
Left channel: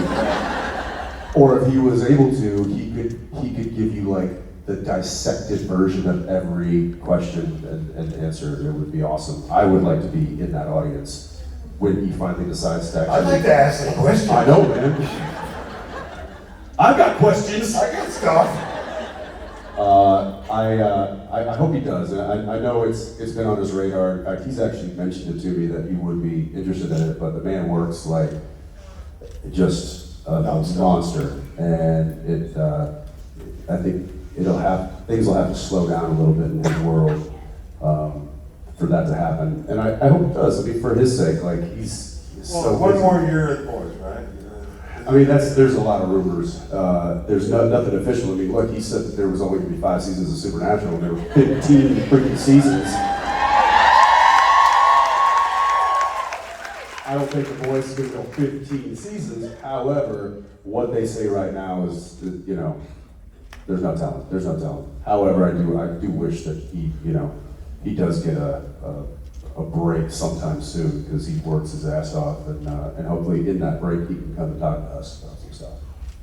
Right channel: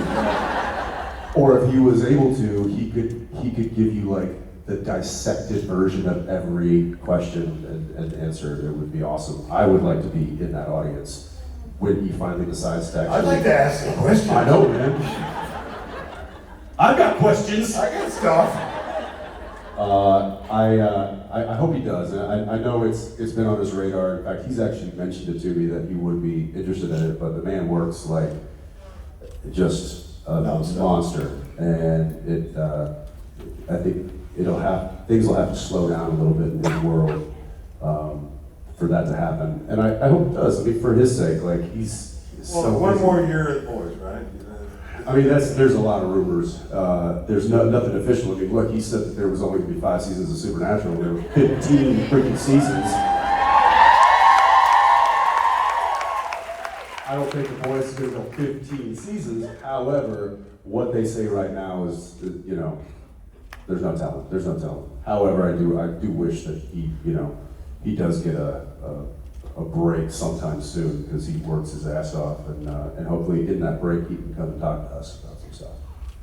Or if he was able to, he could give you like the dissected version of every question and answer. It would be awesome. I would like to be in that audience when he finally decides to actually. I'd like to ask a question. I know, man. I've got questions. I got stuff. I hope he does. And I know it's been on his radar. In fact, he's actually mentioned it to me that he would be interested in it. But the man works like just a monster, and I think things will have to slow down a little bit in his world for that to happen. And I hope it does. I mean, for his sake, like he's so one busy. more year at Boys, right? I mean, there's a lot of rumors. There's nothing official. I mean, look, he said that there was only going to be 5 seasons of Supernatural, and there were 15 freaking seasons. I don't think The Boys is going to go 15 seasons. However, what they say right now is, there's no telling. There's no telling. However, I do wish that he does get a break sometime soon because he works his ass off, and hopefully in that break he can come and talk to us about himself.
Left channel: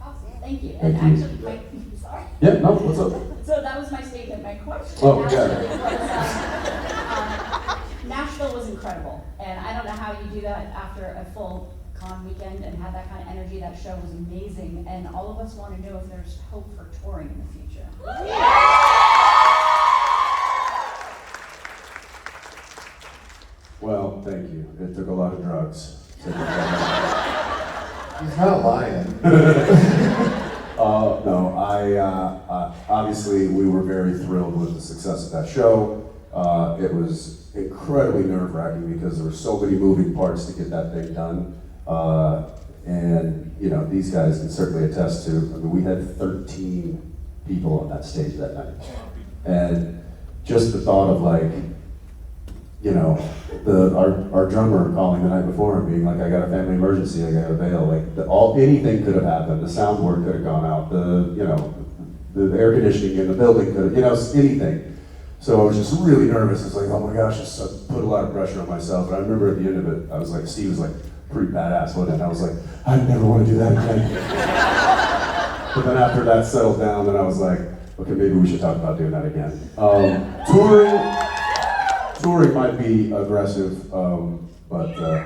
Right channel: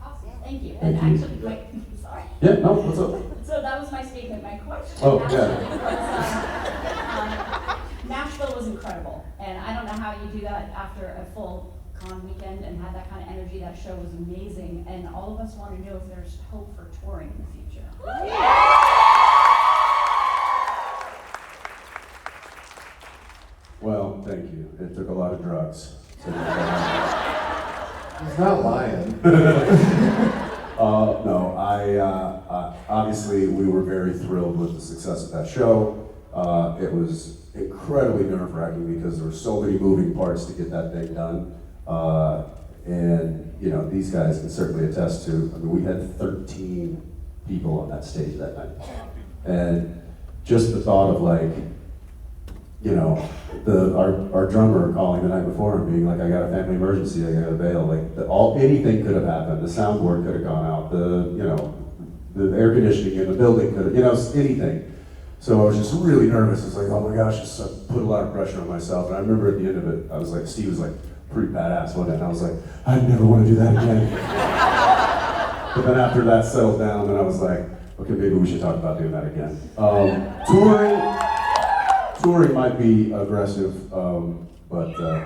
Awesome, thank you. Thank And you. actually, sorry. Yeah, no, what's up? So that was my statement. My question Oh, yeah. actually was, Nashville was incredible, and I don't know how you do that after a full con weekend and have that kind of energy. That show was amazing, and all of us want to know if there's hope for touring in the future. Well, thank you. It took a lot of drugs. He's not lying. No, obviously we were very thrilled with the success of that show. It was incredibly nerve-wracking because there were so many moving parts to get that thing done. And you know, these guys can certainly attest to, I mean, we had 13 people on that stage that night. And just the thought of like, you know, our drummer calling the night before and being like, I got a family emergency, I gotta bail. Like anything could have happened. The soundboard could have gone out. The air conditioning in the building could have, you know, anything. So I was just really nervous. It's like, oh my gosh, I put a lot of pressure on myself. And I remember at the end of it, I was like, Steve was like, pretty badass, wasn't it? And I was like, I never want to do that again. But then after that settled down, then I was like, okay, maybe we should talk about doing that again. Touring might be aggressive, but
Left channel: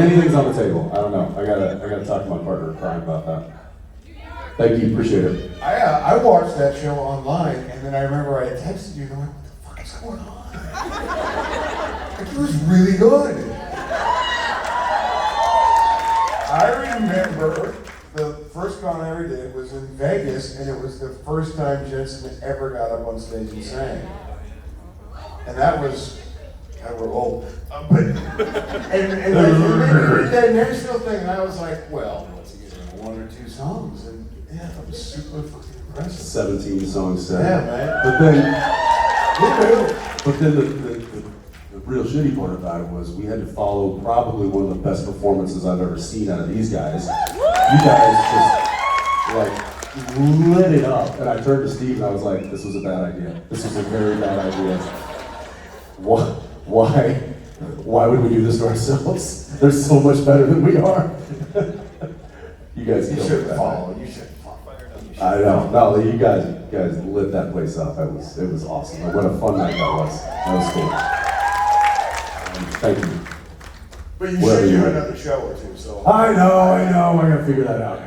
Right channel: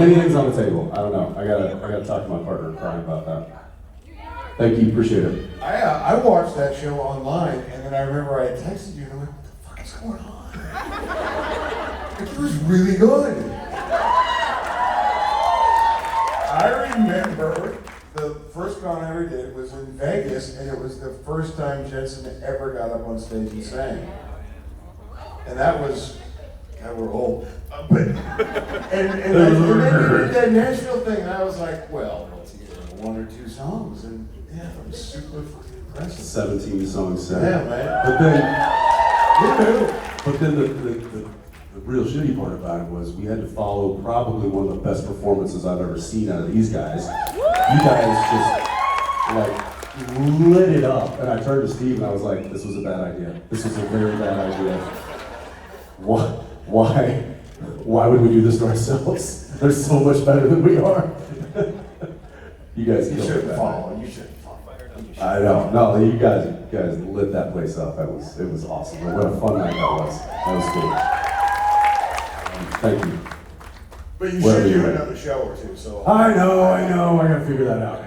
anything's on the table. I don't know. I gotta talk to my partner about that. Thank you, appreciate it. I watched that show online, and then I remember I texted you, and I'm like, what the fuck is going on? Like, it was really good. I remember the first con I ever did was in Vegas, and it was the first time Jensen ever got up on stage and sang. And that was, God, we're old. And then we did that Nashville thing, and I was like, well, let's get one or two songs, and yeah, that was super impressive. 17 songs set. Yeah, man. But then the real shitty part about it was we had to follow probably one of the best performances I've ever seen out of these guys. You guys just like lit it up, and I turned to Steve and I was like, "This was a bad idea. This was a very bad idea. Why would we do this to ourselves? They're so much better than we are." You guys should have followed. You should have followed. I know. No, you guys lit that place up. It was awesome. What a fun night that was. That was cool. Thank you. But you should do another show or two, so. I know. I gotta figure that out.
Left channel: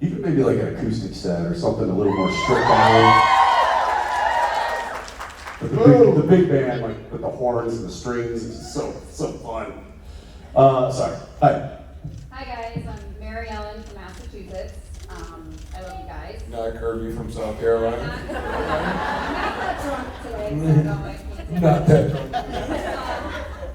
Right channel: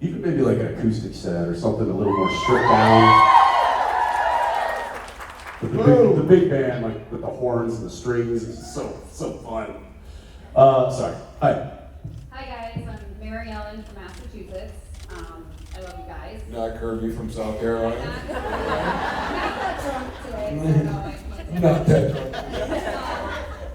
Even maybe like an acoustic set or something a little more stripped down. The big band, like with the horns and the strings, is so fun. Sorry. Hi. Hi guys, I'm Mary Ellen from Massachusetts. I love you guys. Not Kirby from South Carolina. I'm not that drunk today, so no, I can't say Not that drunk.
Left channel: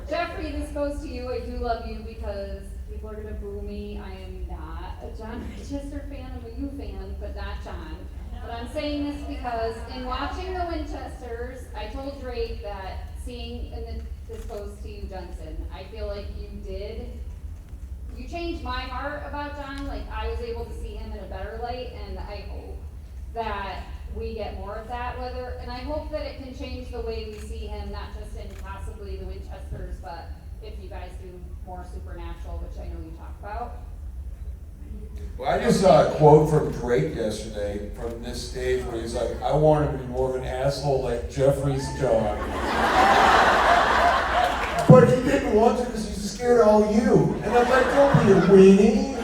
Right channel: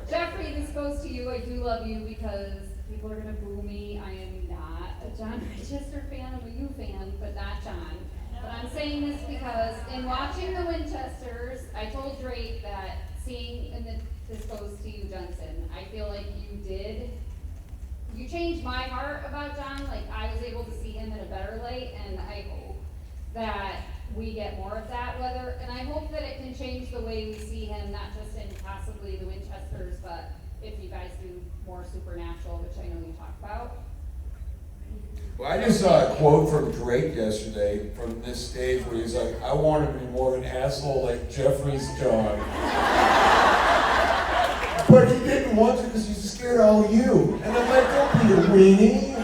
Jeffrey, this goes to you. I do love you because people are gonna boo me. I am not a John Winchester fan. I'm a you fan, but not John. But I'm saying this because in watching the Winchesters, I told Drake that this goes to you, Jensen. I feel like you changed my heart about John. Like I was able to see him in a better light, and I hope that we get more of that. And I hope that it can change the way we see him, not just in possibly the Winchesters, but if you guys do more Supernatural, which I know you talk about. Well, I just saw a quote from Drake yesterday from this stage where he's like, I want to be more of an asshole like Jeffrey's John. But he didn't want to because he's scared of all you. And I'm like, don't be a weenie.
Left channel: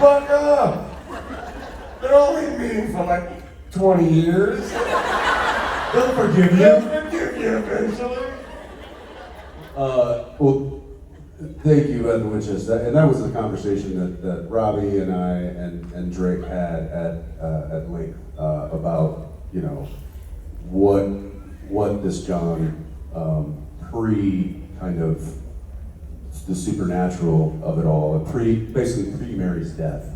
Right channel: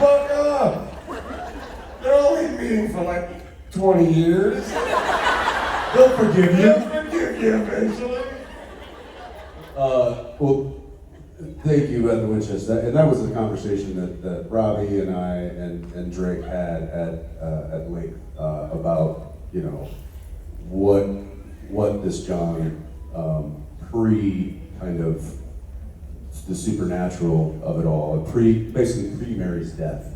Fuck up. They're only meeting for like 20 years. They'll forgive you. They'll forgive you eventually. Well, thank you, Evan Winchester. And that was the conversation that Robbie and I and Drake had at length about, you know, what this John pre kind of the supernatural of it all, basically pre Mary's death,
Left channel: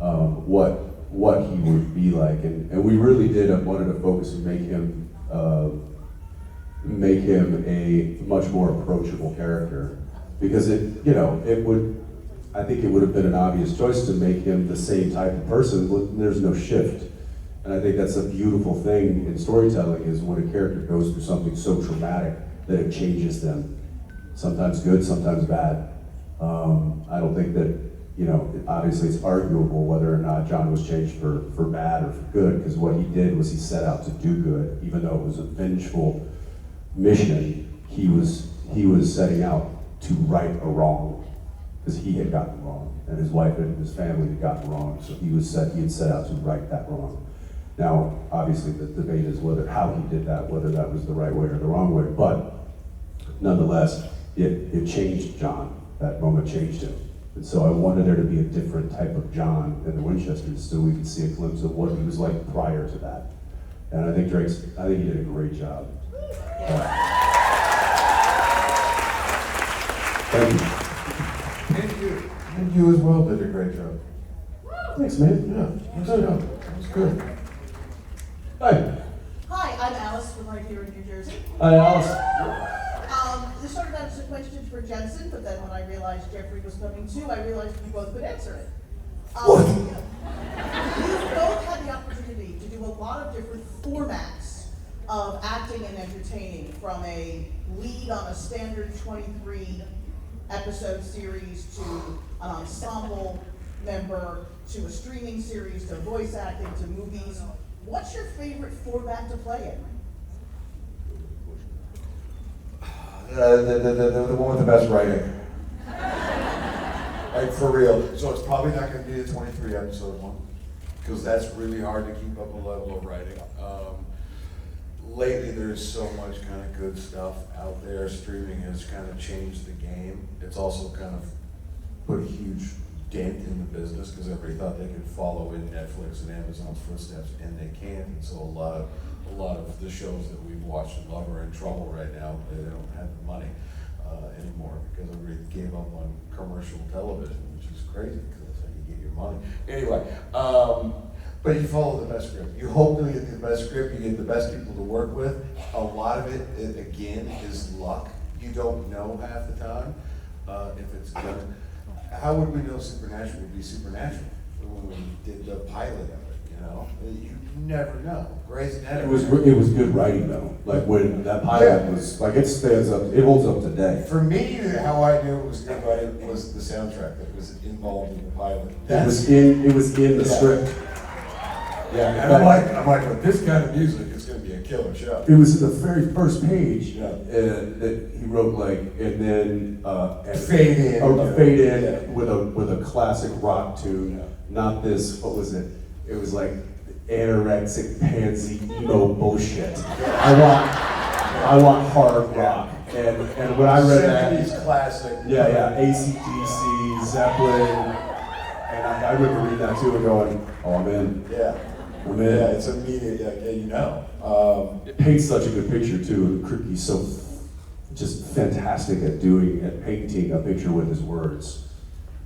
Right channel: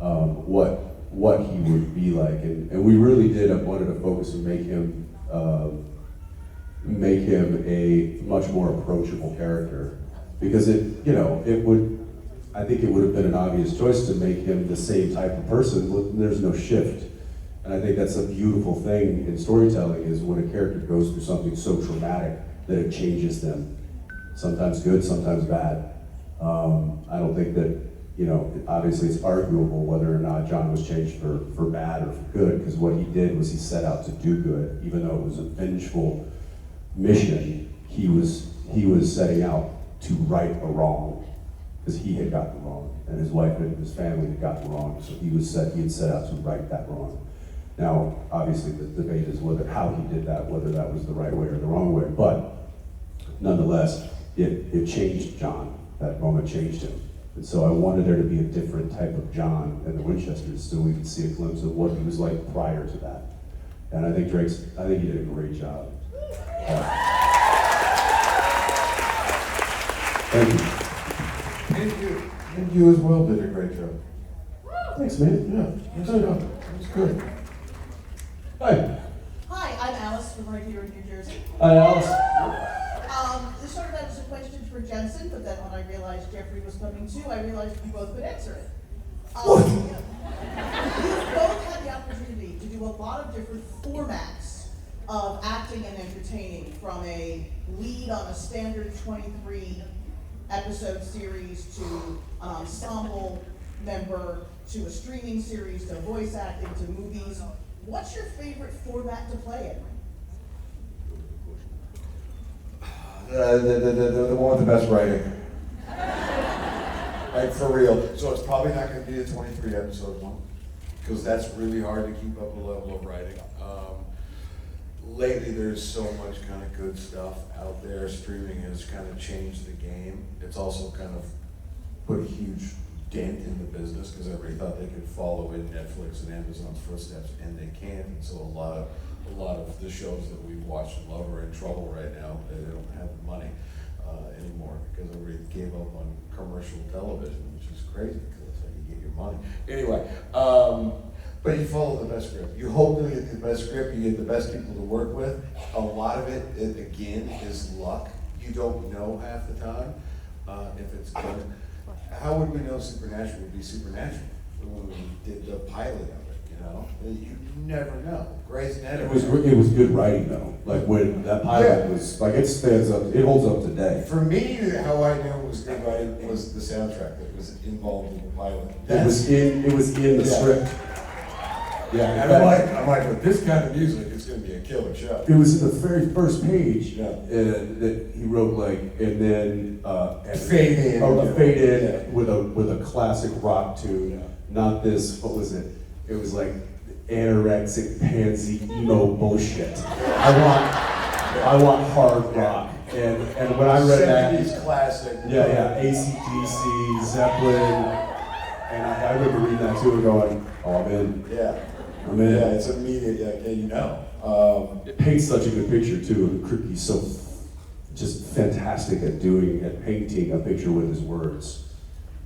what he would be like, and we really wanted to focus and make him a much more approachable character, because I think it would have been an obvious choice to make him the same type of person. There's no shift. And I think that's a beautiful thing in storytelling, is when a character goes through something so traumatic that it changes them. Sometimes good, sometimes bad. I don't think that, obviously it's arguable whether or not John was changed for bad or for good, because what he did was he set out to do good. Even though it was a vengeful mission, he was setting out to right a wrong, because he had gotten wrong, and his wife and his family had gotten wrong, so he had set out to right that wrong. Now, obviously, the debate is how he did that, whether that was the right way or the wrong way, but nonetheless, it changed John. That moment changed him. And so I wanted there to be a different type of John in the Winchesters, so we could see a glimpse of what he was like prior to that. And I think he did a great job. Thank you. And you as well did a great job. Thanks, man. Yeah, good job. That was good. Hi. Hi, I'm Alice from right here in New Jersey. Hi, Alice. This started out as a question for Jensen, but then when I realized Jeffrey was coming too, I realized you both could answer it. You've both had the opportunity to do a lot of different formats of acting and entertaining, from a lead on a standard 23 episode series to an ensemble member to a streaming series to voice acting to movies. What's your favorite format to play in? The one with the best writing. Like, for real. So it's probably not going to be a 23 episode one, because that's really hard to keep up a level of writing. Lately, there's so much kind of good stuff out there. Streaming has kind of changed the game. It's also kind of put a huge dent in the business, because everybody thought they could follow in Netflix and Amazon's footsteps, and they can't. And so a lot of the shows that we've watched and love are in trouble right now. They don't have the money anymore, because everybody gave up on commercial television, which is crazy, because that's how you get your money. Anyway, but you follow the best script. You hope to get the best script, you get the best people to work with. A lot of it, again, is luck. You don't know half the time if it's good. How would we know Supernatural would be Supernatural when we did the pilot of it, you know? You never know. Grey's Anatomy. It was good writing though. Like when that pilot was like, it stands up, it holds up today. For me, how I knew it was good writing was the soundtrack that was involved in the pilot. It was in the script. Yeah, and I'm like, with this kind of music, it's going to be a killer show. It was the very first page Yeah. that he wrote, like, and then Fade in. Fade in with a classic rock tune. Not this. What was it? It was like anorexic pansy emo bullshit. I want hard rock. And when I read that, 70s classic. yeah, AC/DC, Zeppelin, and I remember reading that too and going, oh, I'm in. Yeah. I'm in. Yeah, it's immediate. Yeah, you know. It paints such a good picture too. He's so just fantastic at painting a picture with his words.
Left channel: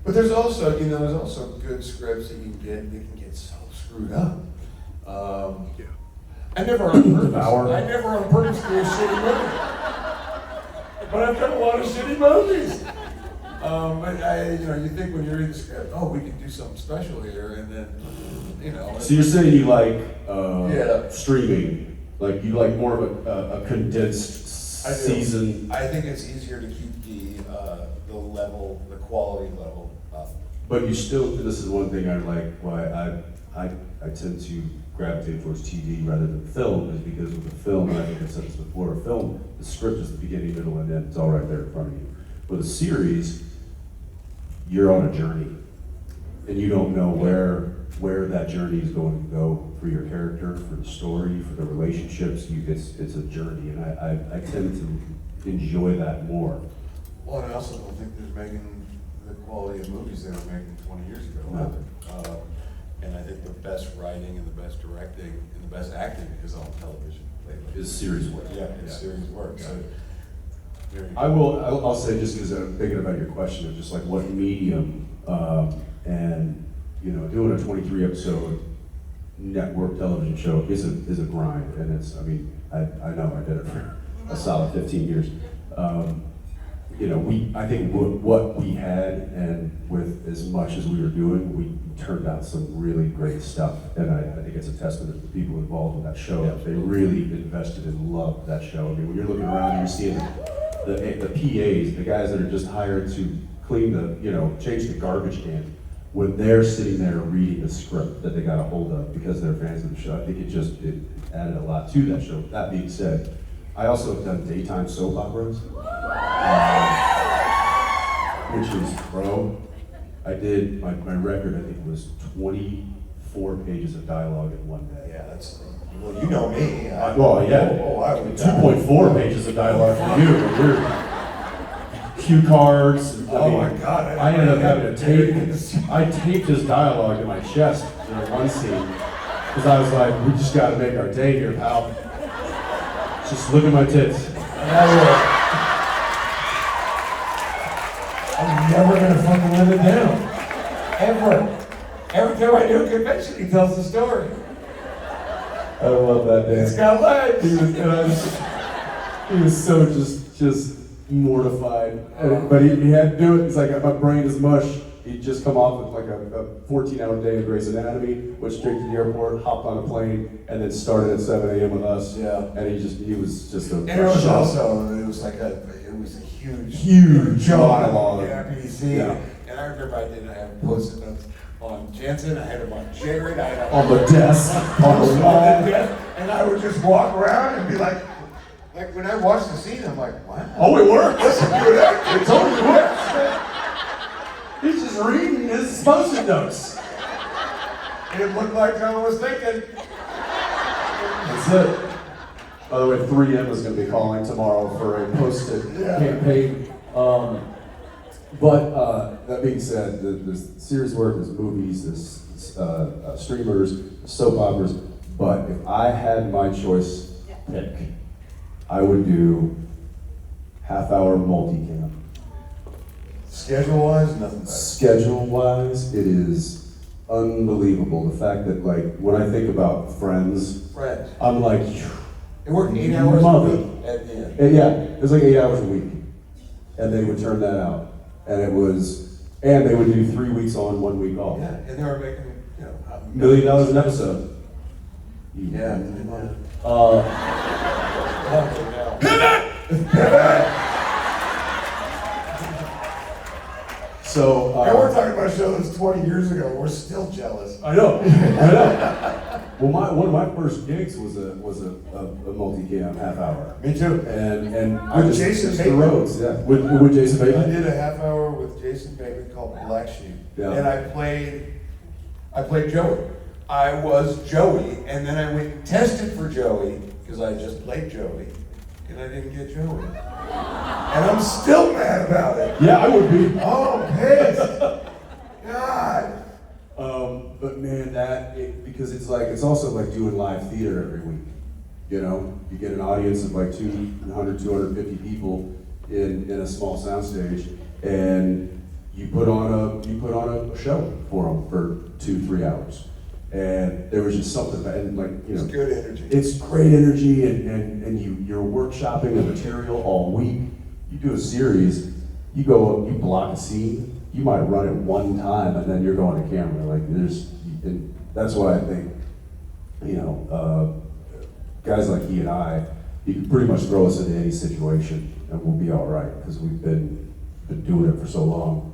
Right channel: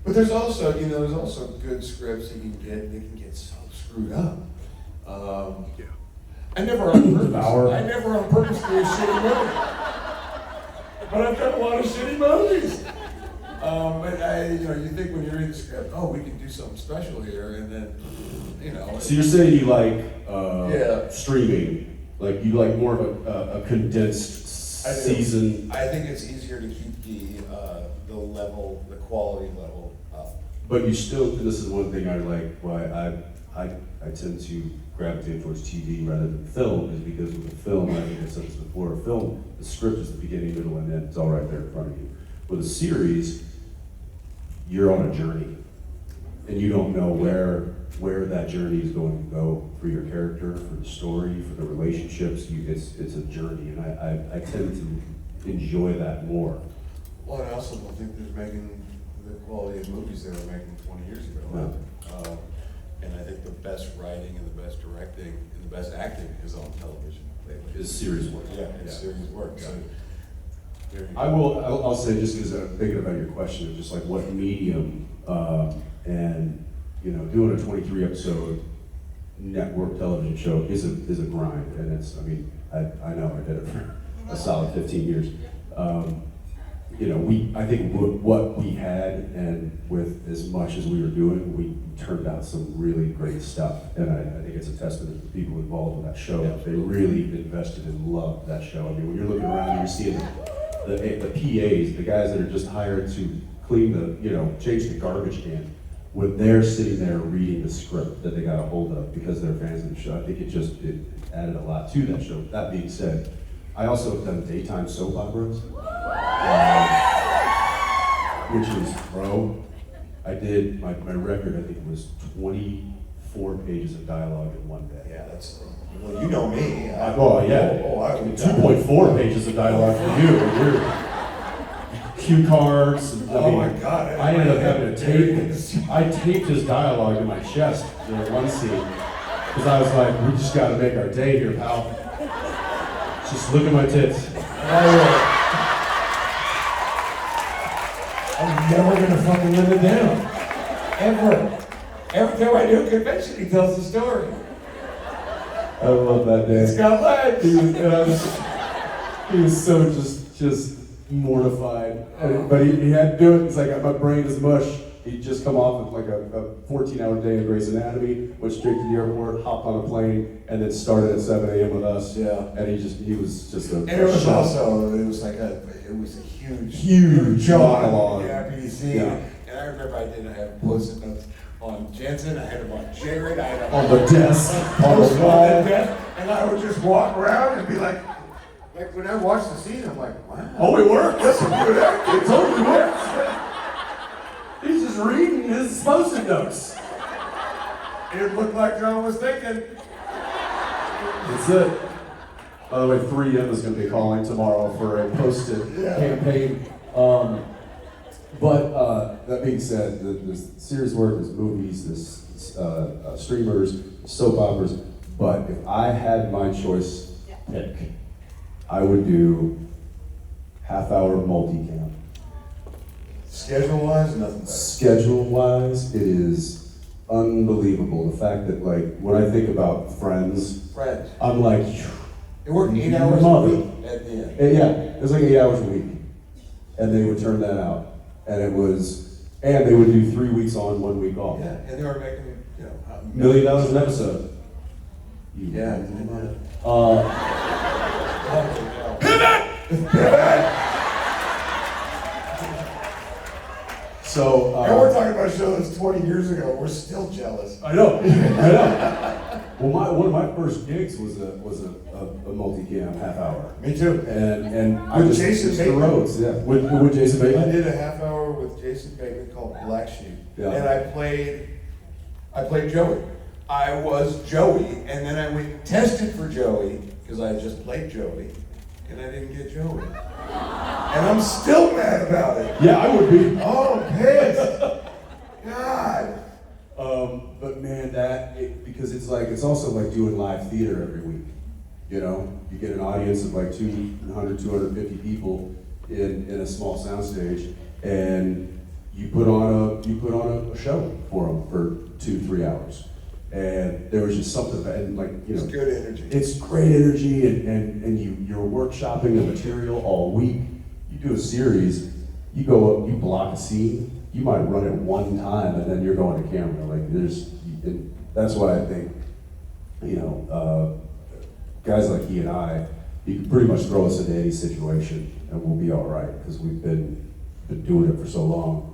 But there's also good scripts that you get. They can get so screwed up. I never on purpose do a shitty movie. But I've done a lot of shitty movies. But you think when you read the script, oh, we can do something special here, and then, So you're saying you like streaming, like you like more of a condensed season. I think it's easier to keep the level, the quality level up. But you still, this is one thing I like, why I tend to gravitate towards TV rather than film, is because with a film, I think I said this before, a film, the script is the beginning, middle, and end. It's all right there in front of you. With a series, you're on a journey, and you don't know where that journey is going to go for your character, for the story, for the relationships. It's a journey, and I tend to enjoy that more. Well, I also don't think they're making the quality of movies they were making 20 years ago. No. And I think the best writing and the best directing and the best acting is on television lately. Is series work. Yeah, it's series work. Yeah. So, there you go. I'll say, just because I'm thinking about your question of just like what medium, and doing a 23 episode network television show is a grind, and I know I did it for a solid 15 years. I think what we had, and with as much as we were doing, we turned out some really great stuff, and I think it's a testament to the people involved in that show. Yeah. They really invested and loved that show. I mean, when you're looking around and you're seeing the PAs, the guys that are just hired to clean change the garbage can, when they're sitting there reading the script that they got a hold of because they're fans of the show, I think it added a lot to that show. That being said, I also have done daytime soap operas, which is, I did, my record, I think, was 24 pages of dialogue in one day. Yeah, well, you know me. I 2.4 pages of dialogue for you. You're cue cards. My God. I ended up having to tape his dialogue to my chest during one scene. Because I was like, we just gotta make our day here, pal. Just look at my tits. I'm never gonna fucking live it down. Ever. Every time I do a convention, he tells the story. I love that day. It's got legs. He was so just mortified. But he had to do it. It's like my brain is mush. He'd just come off of like a 14-hour day of Grey's Anatomy, went straight to the airport, hopped on a plane, and then started at 7 a.m. with us. Yeah. And he was just a And it was shock. also, it was a huge monologue. NPC. Yeah. And I remember I didn't have post-it notes on Jensen, I had them on Jared, I had them On the desk, on the post-it wall. on the desk, and I would just walk around and be like when I watch the scene, I'm like, wow. Oh, it worked. That's a good actor. It totally works. He's just reading his post-it notes. It looked like I was thinking. That's it. By the way, 3M is going to be calling tomorrow for a post-it campaign. But that being said, the series work, there's movies, there's streamers, soap operas. But if I had my choice pick, I would do half-hour multicam. Schedule-wise, nothing better. Schedule-wise, it is unbelievable. The fact that, like, when I think about Friends, I'm like, It worked 8 hours a mother. week at the end. And yeah, it was like 8 hours a week. And they would turn that out. And they would do 3 weeks on, 1 week off. Yeah, and they were making, $1 million an episode. Yeah. So, and we're talking about a show that's 20 years ago. We're still jealous. I know. Well, one of my first gigs was a multicam half hour. Me too. And With Jason Mr. Bateman. Rhodes, yeah. With Jason Bateman. I did a half hour with Jason Bateman called Black Sheep, Yeah. and I played Joey. I was Joey, and then I went and tested for Joey because I just played Joey, and I didn't get Joey. And I'm still mad about it. Yeah, I would be. Oh, pissed. God. But man, because it's also like doing live theater every week. You know, you get an audience of like 200, 250 people in a small soundstage, and you put on a show for them for 2-3 hours. And there was just something, and like, you know, It's good energy. It's great energy, and you're workshopping the material all week. You do a series, you go up, you block a scene, you might run it one time, and then you're going to camera. Like and that's why I think, you know, guys like he and I, you can pretty much throw us into any situation, and we'll be all right because we've been doing it for so long.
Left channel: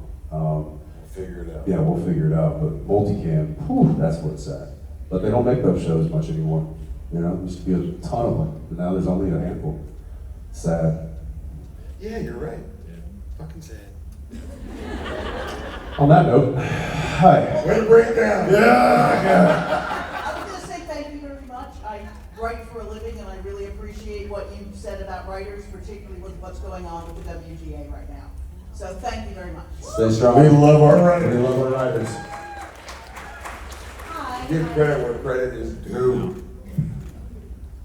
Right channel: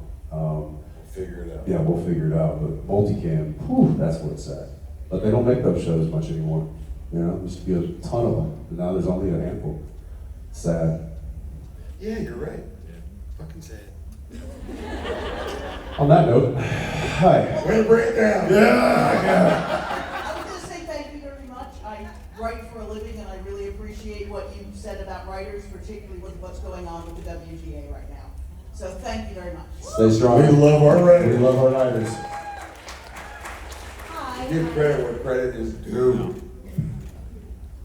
Figure it out. Yeah, we'll figure it out. But multicam, whew, that's what's sad. But they don't make those shows much anymore. You know, there used to be a ton of them, but now there's only a handful. Sad. Yeah, you're right. Fucking sad. On that note, hi. Way to break it down. I'm gonna say thank you very much. I write for a living, and I really appreciate what you've said about writers, particularly with what's going on with the WGA right now. So thank you very much. Stay strong. We love our We writers. love our writers. Hi. Give credit where credit is due.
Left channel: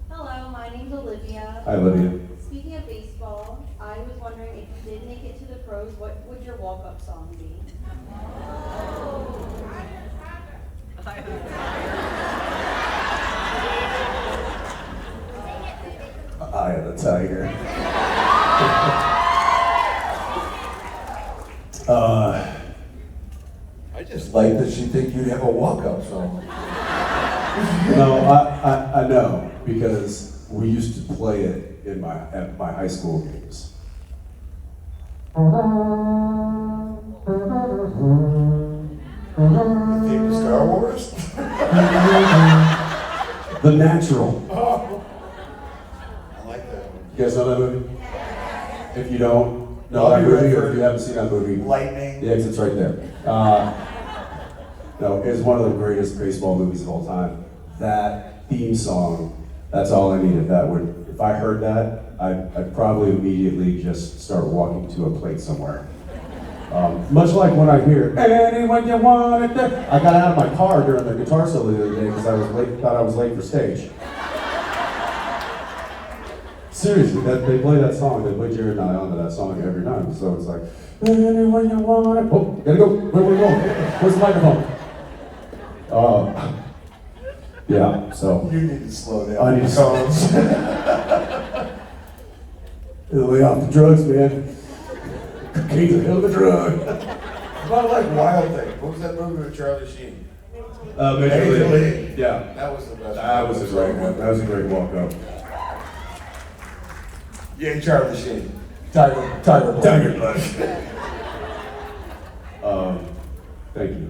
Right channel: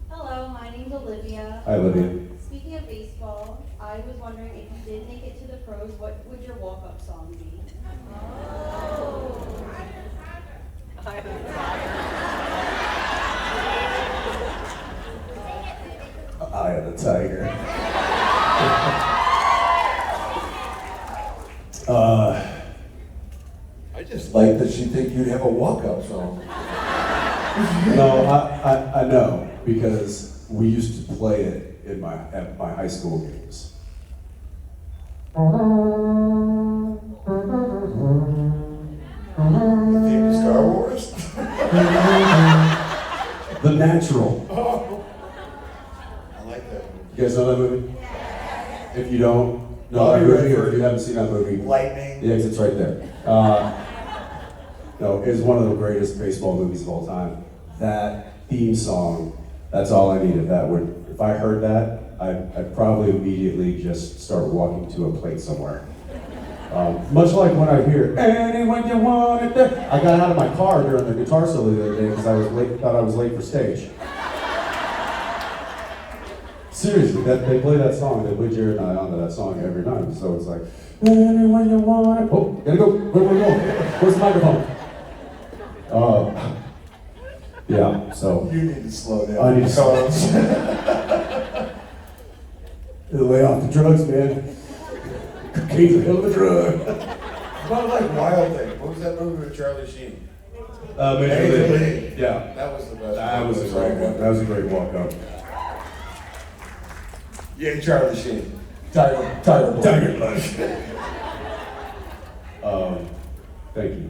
Hello, my name's Olivia. Hi, Olivia. Speaking of baseball, I was wondering if you did make it to the pros, what would your walk-up song be? Eye of the Tiger. I just like that she think you'd have a walk-up song. No, I know, because we used to play it at my high school games. The theme to Star Wars? The Natural. Oh. I like that one. You guys know that movie? If you don't know I'll that be movie, ready or for if you haven't seen that movie, Lightning. the exit's right there. No, it's one of the greatest baseball movies of all time. That theme song, that's all I needed. If I heard that, I'd probably immediately just start walking to a plate somewhere. Much like when I hear, anyone you want it there. I got out of my car during the guitar solo the other day because I was late, thought I was late for stage. Seriously, they play that song, they play Jared and I onto that song every night. So it's like, anyone you want it. Oh, gotta go, where are we going? Where's the microphone? Yeah, so. You need to slow down. I need to slow down. Lay off the drugs, man. Cocaine's a hell of a drug. About like Wild Thing. What was that movie with Charlie Sheen? Major League. Yeah. That was the best. That was a great one. That was a great walk up. Yeah, Charlie Sheen. Tiger Blood. Thank you.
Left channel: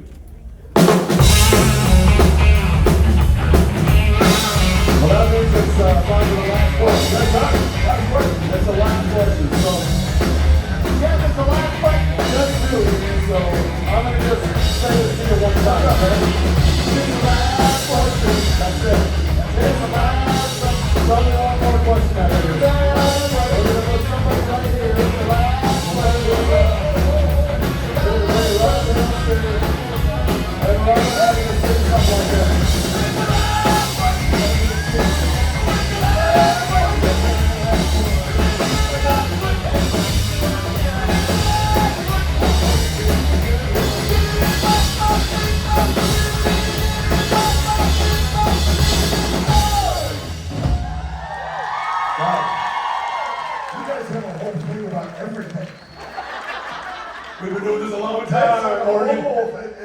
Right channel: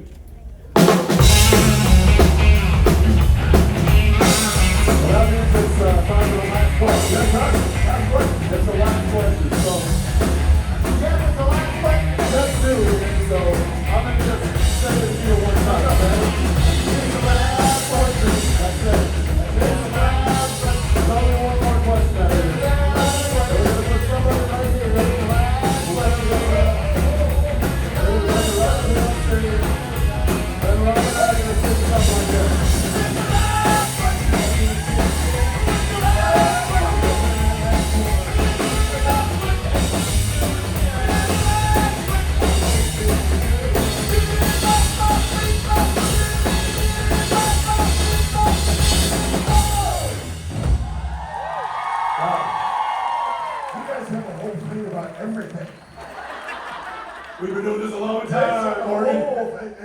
We've been doing this a long time.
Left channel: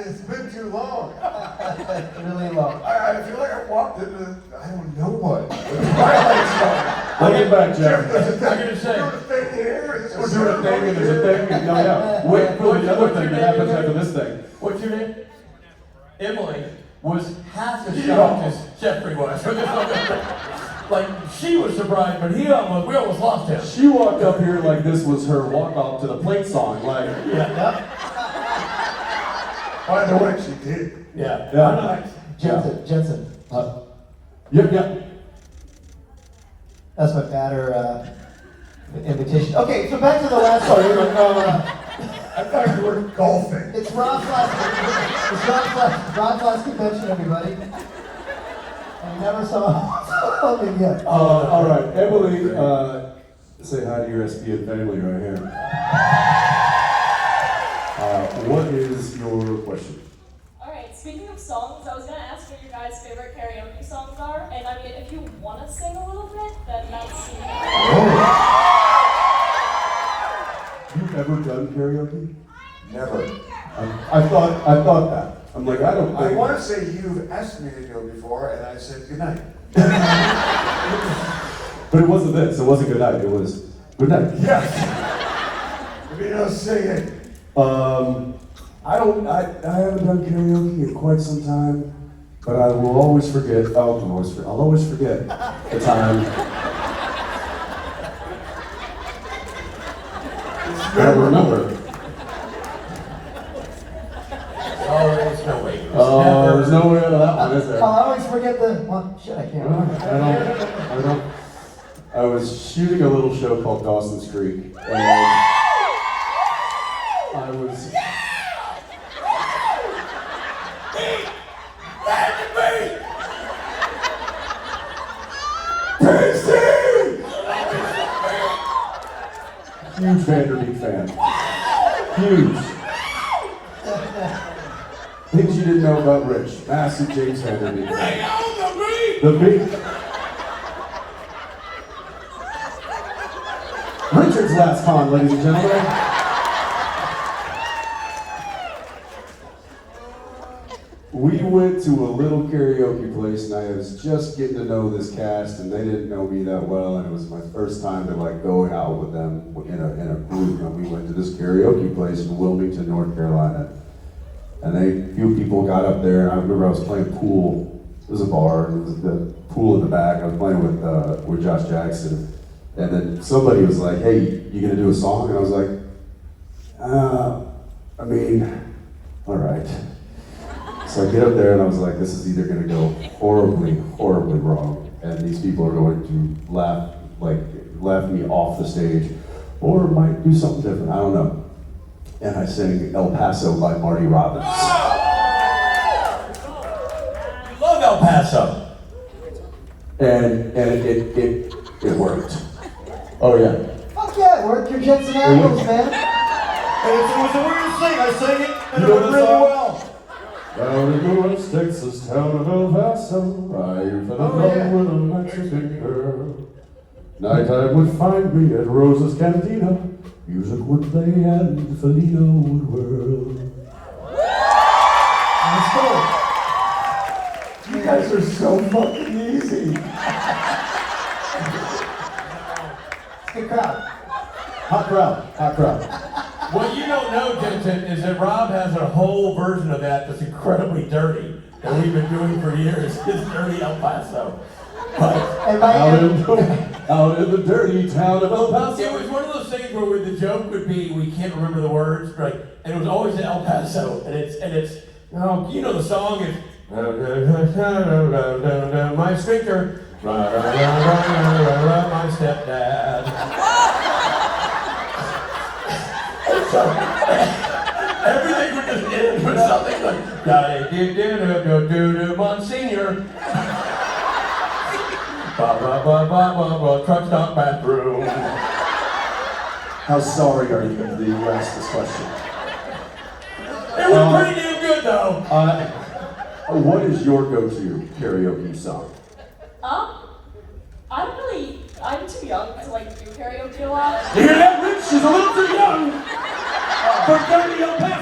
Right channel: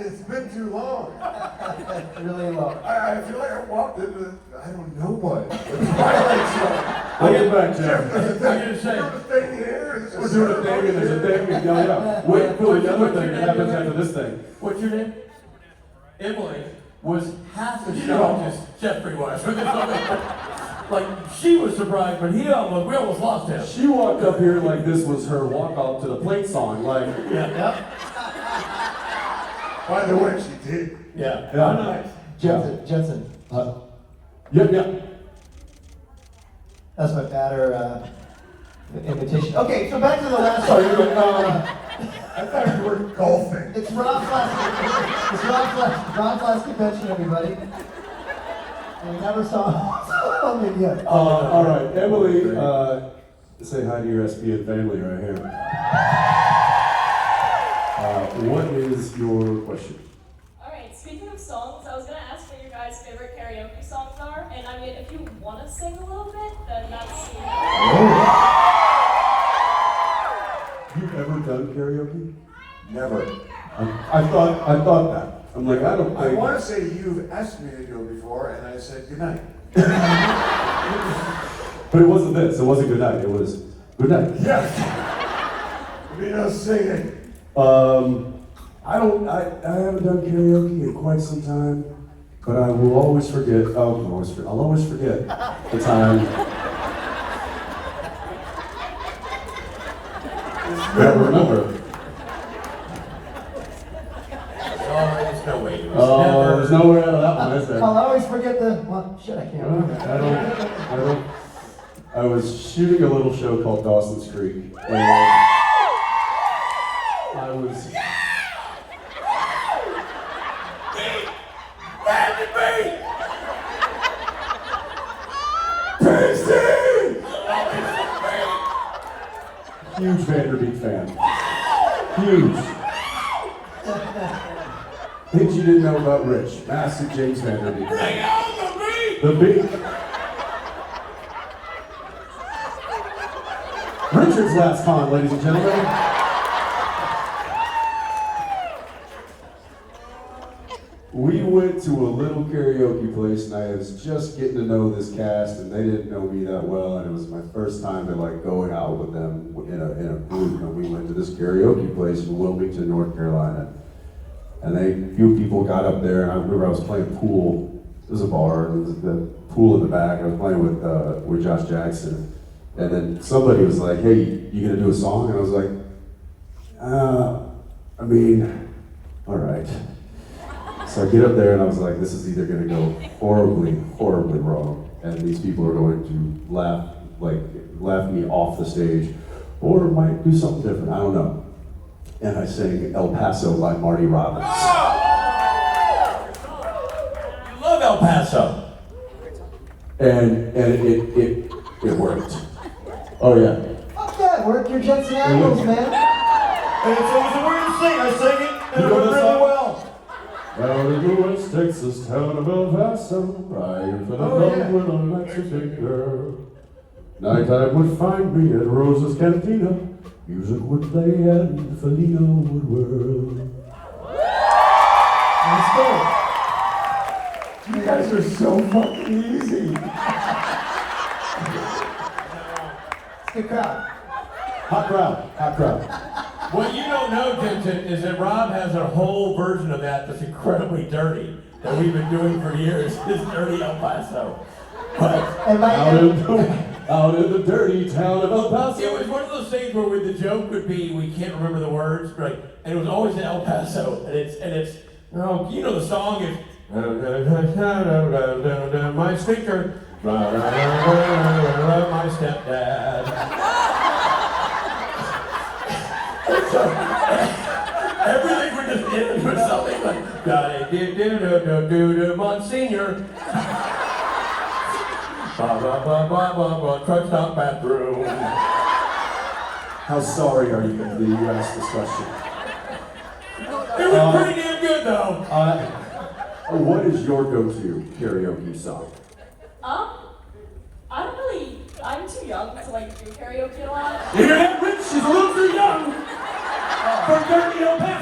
It's been too long. Really long. I feel like I walked into, I don't know what. Welcome back, Jeff. There's a I'm gonna say. thing here. We're doing a thing, and there's a thing, and yeah. Wait for the other thing that happens after this thing. What's your name? Emily was half as shocked as Jeffrey was. Like, she was surprised, but we almost lost him. She walked up here like this was her walk-off to the plate song, like, Yeah. By the way, she did. Yeah. yeah. Jensen. Yep. That's my matter invitation. Okay, so back to the last story. I thought you were golfing. It's Ron Flash convention, everybody. And we never saw him yet. All right, Emily, say hi to your SPN family right here. What is your question? Alright, speaking of songs, I was going to ask what your guys' favorite karaoke songs are, and I mean, if you want to sing a little bit, then that's... You've ever done karaoke? Never. I thought that. I'm like, I don't I think. want to say you've asked me to go before, and I said goodnight. But it wasn't this. It wasn't good night. It was good night. Yes. We don't sing it. I haven't done karaoke in quite some time, but I will always forget. I'll always forget the time. I remember. There's no way out of that one, is there? I'll always forget the. Well, shit, I can't remember. I was shooting a little show called Dawson's Creek, and I was. Huge Vanderbeek fan. Huge. Things you didn't know about Rich. Massive James Vanderbeek. Bring on the beat! Richard's last con, ladies and gentlemen. We went to a little karaoke place, and I was just getting to know this cast, and they didn't know me that well, and it was my first time to like going out with them in a group. And we went to this karaoke place in Wilmington, North Carolina, and a few people got up there, and I remember I was playing pool. It was a bar, and there was the pool in the back, and I was playing with Josh Jackson, and then somebody was like, "Hey, you gonna do a song?" And I was like, all right. So I get up there and I was like, this is either gonna go horribly, horribly wrong, and these people are going to laugh me off the stage, or might do something different, I don't know. and I sang El Paso by Marty Robbins. You love El Paso. And it worked. Oh yeah. Fuck yeah, work your Jensen Ackles, man. It's the weird thing. I sing it You know really the song? well. Well, we go West Texas town of El Paso. I fell in love with a Mexican girl. Nighttime would find me at Rosa's Cantina. Music would play and Felino would whirl. Let's go. You guys are so fucking easy. It's a good crowd. Hot crowd, hot crowd. What you don't know, Jensen, is that Rob has a whole version of that that's incredibly dirty that we've been doing for years. It's Dirty El Paso. But And my Out in the dirty town of El Paso. it was one of those things where the joke would be we can't remember the words, right? And it was always in El Paso, and it's oh, you know the song is my sphincter, my stepdad. So, everything would just end with something like do Monsignor. Truck stop bathroom. How sorry are you that you asked this question? It was pretty damn good though. What is your go-to karaoke song? I don't really, I'm too young to like do karaoke a lot. You hear that, Rich? She's a little too young for Dirty El Paso.